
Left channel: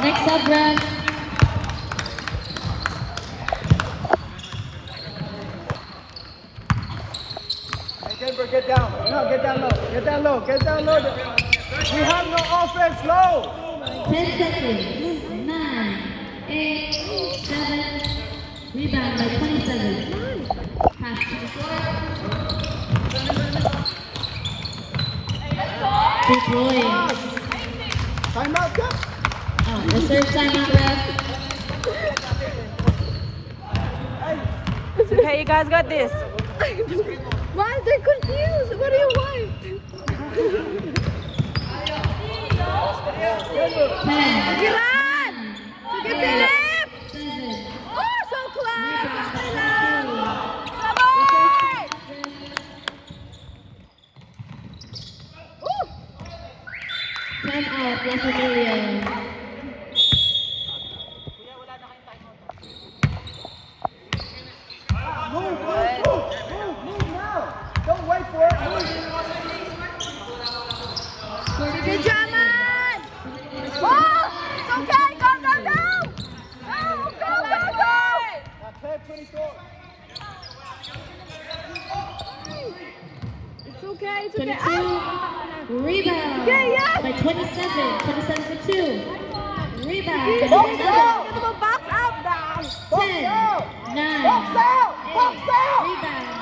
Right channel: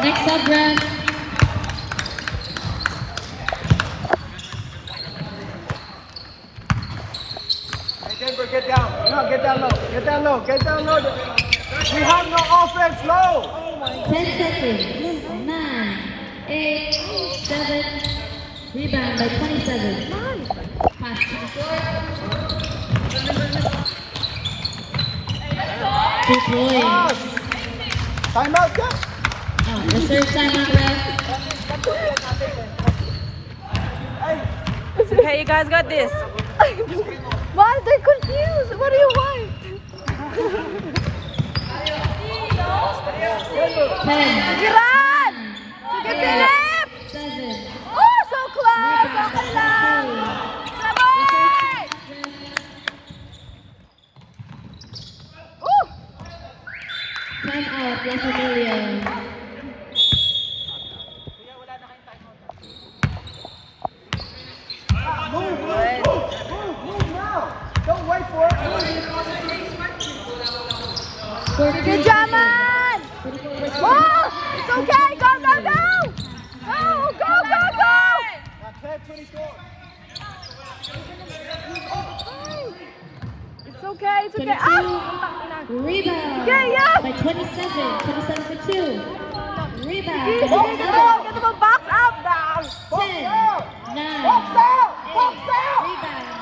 Next up, Brad. Denver, get down. No, get down low. We have no offense low. 10 seconds. 9, 8, 7. Rebound by 27. Pass to the floor. 2 points. Timeout, go. Reserve timeout, ref. Okay, you guys got this. Why are they confused? What do you want? 10, Run! Sige, Philip! 7. Oh, so close! Okay lang! Sabay! Ooh! Time out, La Familia. Don't wait for it. Good job, man! Oh! It's okay! Go! It's okay, 22. Ah! Rebound. Yeah. By 27. 27 for 2. Rebound. By Get number the 7. ball, box out, down! 10, 9, 8. Rebound.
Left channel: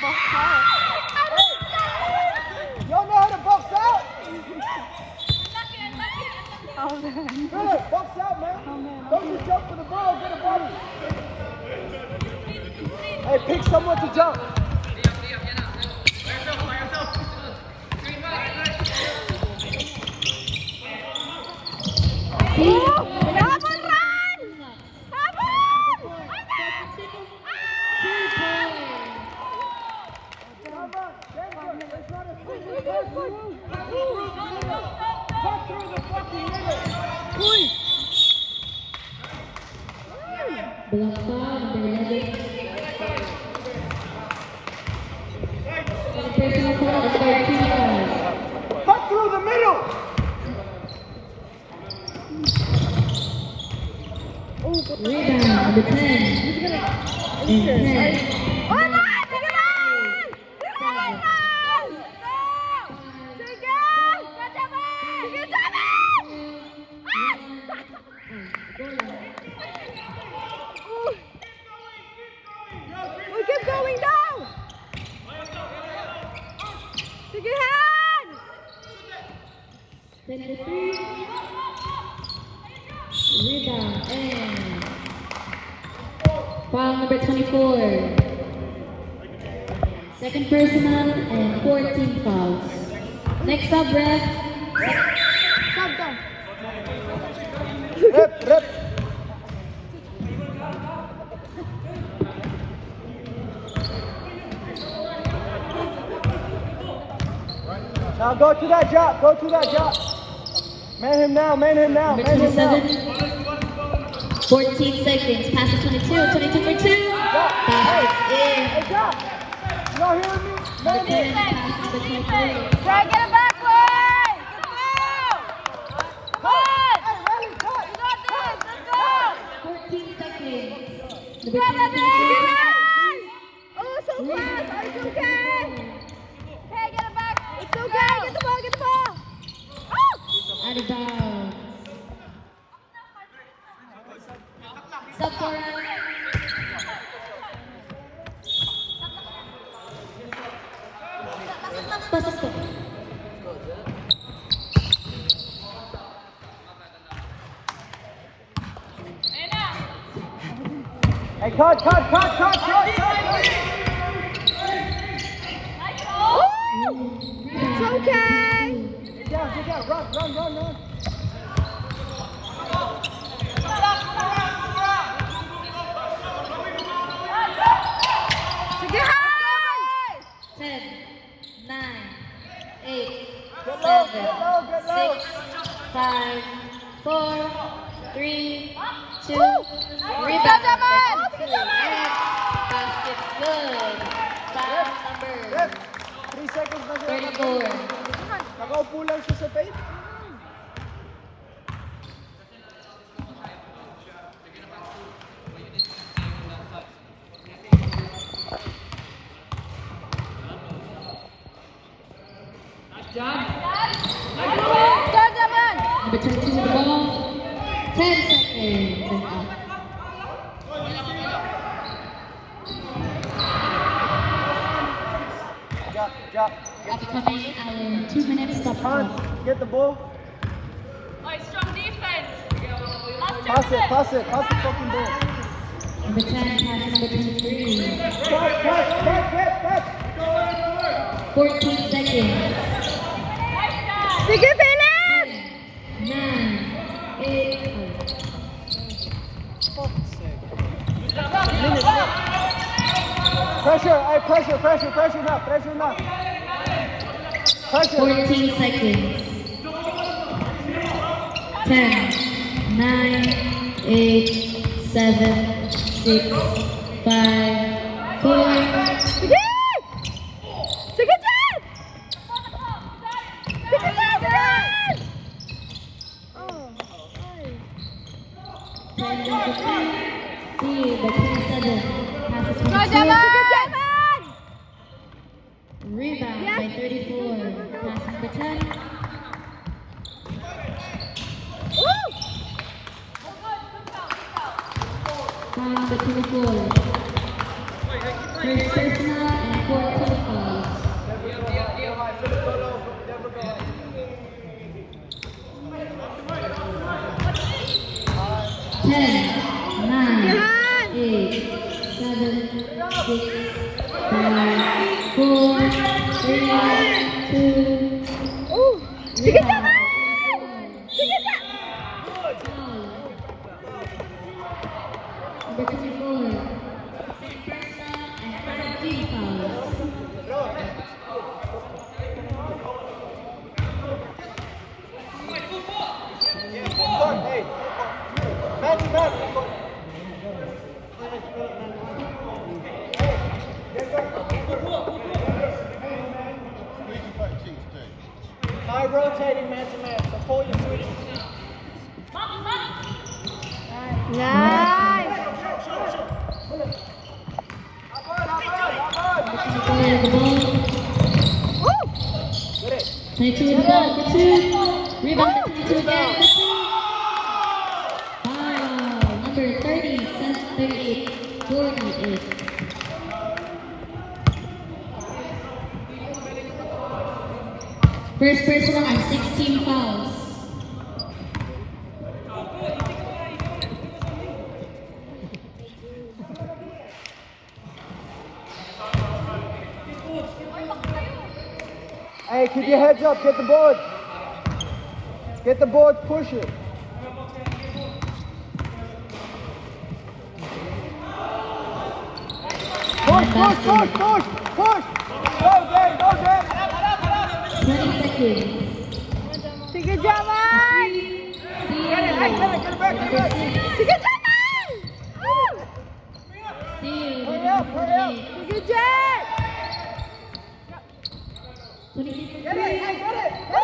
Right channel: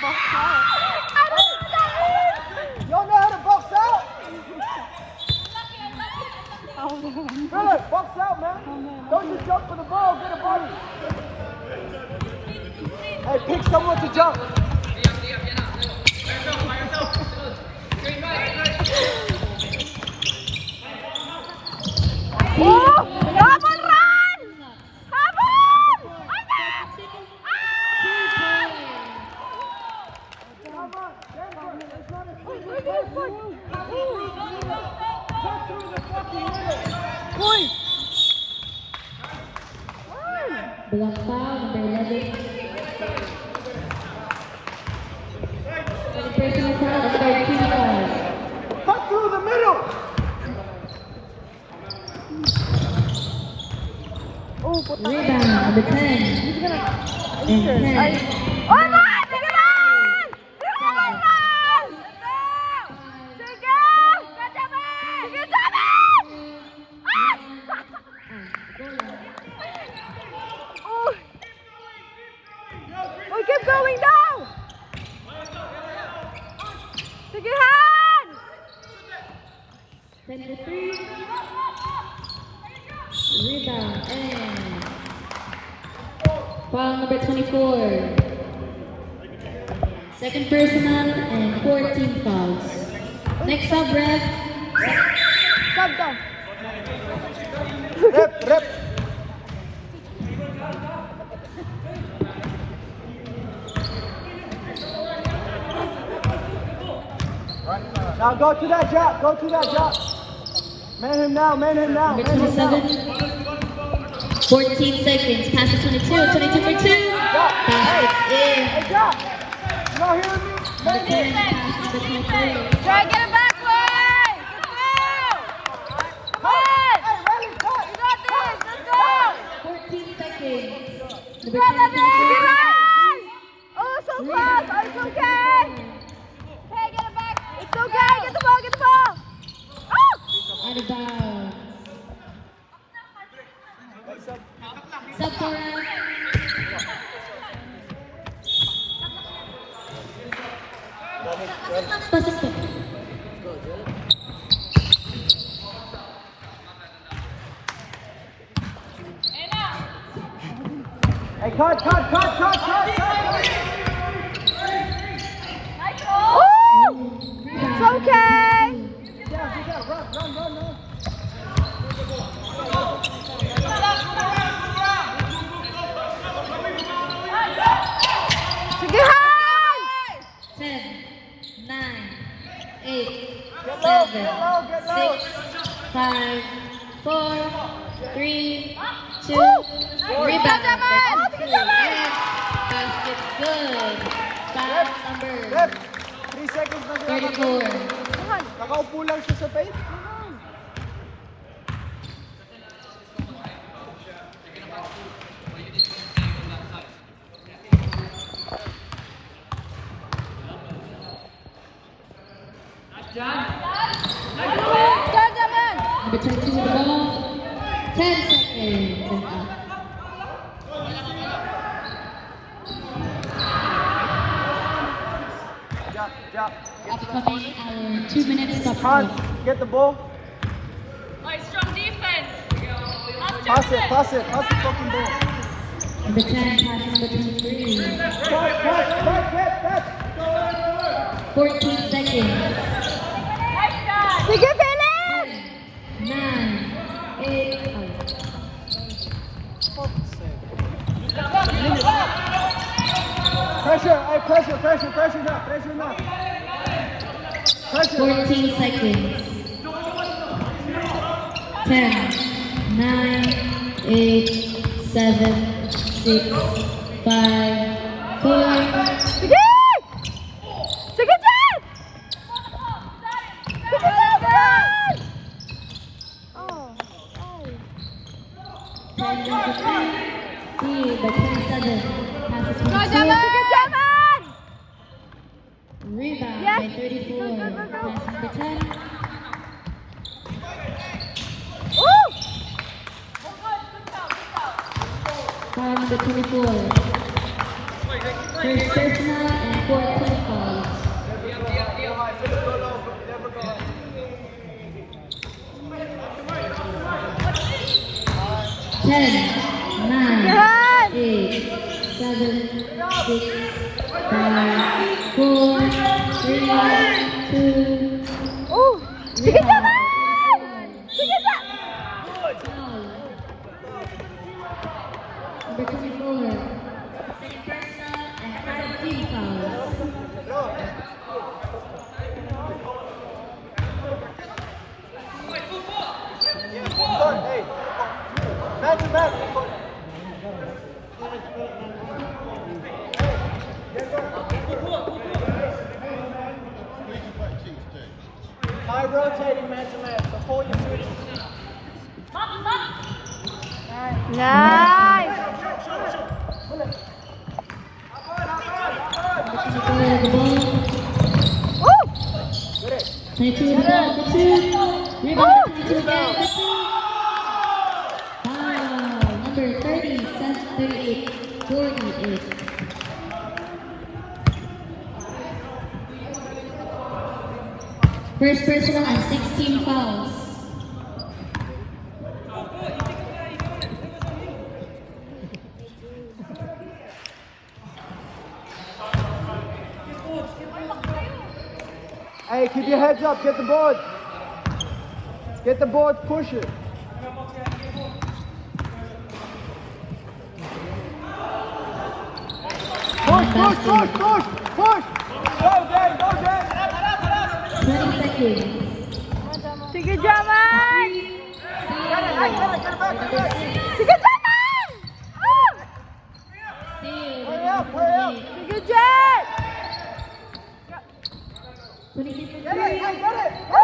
I don't know that Don't just jump for the ball, get a body. Hey, pick someone to jump. Oh! Habol, run! Habol! Uy! Bilang foul, number 11. Personal foul, number 2 foul. Cut through the middle. Rebound, number 10. And 10. Oh, man! Sige, man! Sige, man! Sige! Kajaman! Sige, Jaman! Oh! Oh, keep going down! Sige, Han! 10 to 3. Rebound and foul number 24. Second personal and 14 fouls. Next up, ref. Sub down. Rep. Now go to that drop, go to that drop. Man him now, man him now. Number Man him now. 27. 14 seconds. Pass to 22. 22 for 2. Basket's in. Now here's the Number 10. Pass to 23. Try get it back, way! Come on! You got this! Let's go! 14 seconds. Go, Number 10. baby! Oh, so close! Oh, it's okay! Hey, get it back! It's okay! Get the ball! Get the ball! Oh! Out of bounds. Sub for round. Pasok to. Hey, cut. It's okay! Yeah, run. Sige, Han! 10, 9, 8, 7, 6, 5, 4, 3, 2, rebound number 2, and basket good. Foul number 3 seconds na. 34. Nakaupo lang siya sa paint. Go, Jaman! Number 22 with the ball. 10 seconds and out. Drop. Upcoming our 2 minutes stop Hans, clock. get the ball. Strong defense! Pass it. Pass the fucking ball. Number 10, pass to number 23. Cut. 14 seconds. Sige, Philip! 9, 8, out. Pressure now. Pressure. 14 seconds. 10, 9, 8, 7, 6, 5, 4, Sige! Sige, Jen! Sige, Jen! Oh, 10 down to 3, by 27. Passes Go, 22. Jaman! Sige, Jaman! Rebound Yes. by 34. Pass number 10. Woo! Foul number 24. First personal and 14 fouls. 10, 9, Yan! 8, 7, 6, 5, 4, 3, 2, Oh! Sige, Jaman! Sige, Jaman! foul. Number 24, second personal and team foul. Hey, man to man. High rotating man to man before you switch. Nice! Number 24 the ball. Oh! Get it. 22 the ball, the two. Rebound, 22 again, the two. Foul. Number 30, 38, 48. First personal and 16 fouls. Hey, keep your heads up. Get the board. Get the board pushing. And basket. Push. 20 seconds. Sige, Jaman! Get it back. Number 6. Sige, Jaman! Oh! Steal, number 48. Sige, Jet! 23 Get it. Hey, get it. Oh!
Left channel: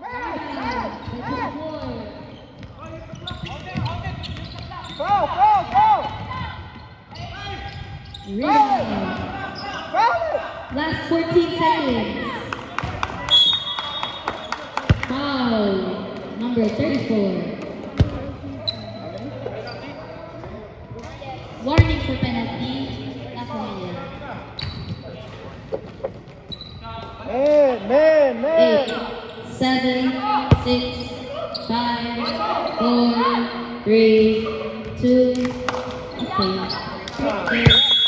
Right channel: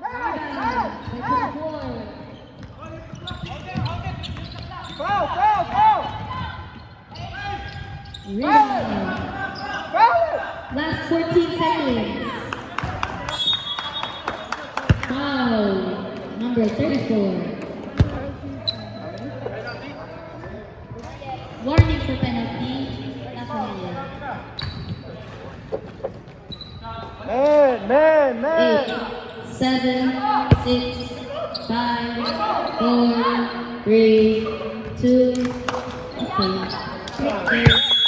Rebound by 24. Foul. Rebound. Last 14 seconds. Foul. Number 34. Warning for penalty. La Familia. Man. 8, 7, 6, 5, 4, 3, 2, okay.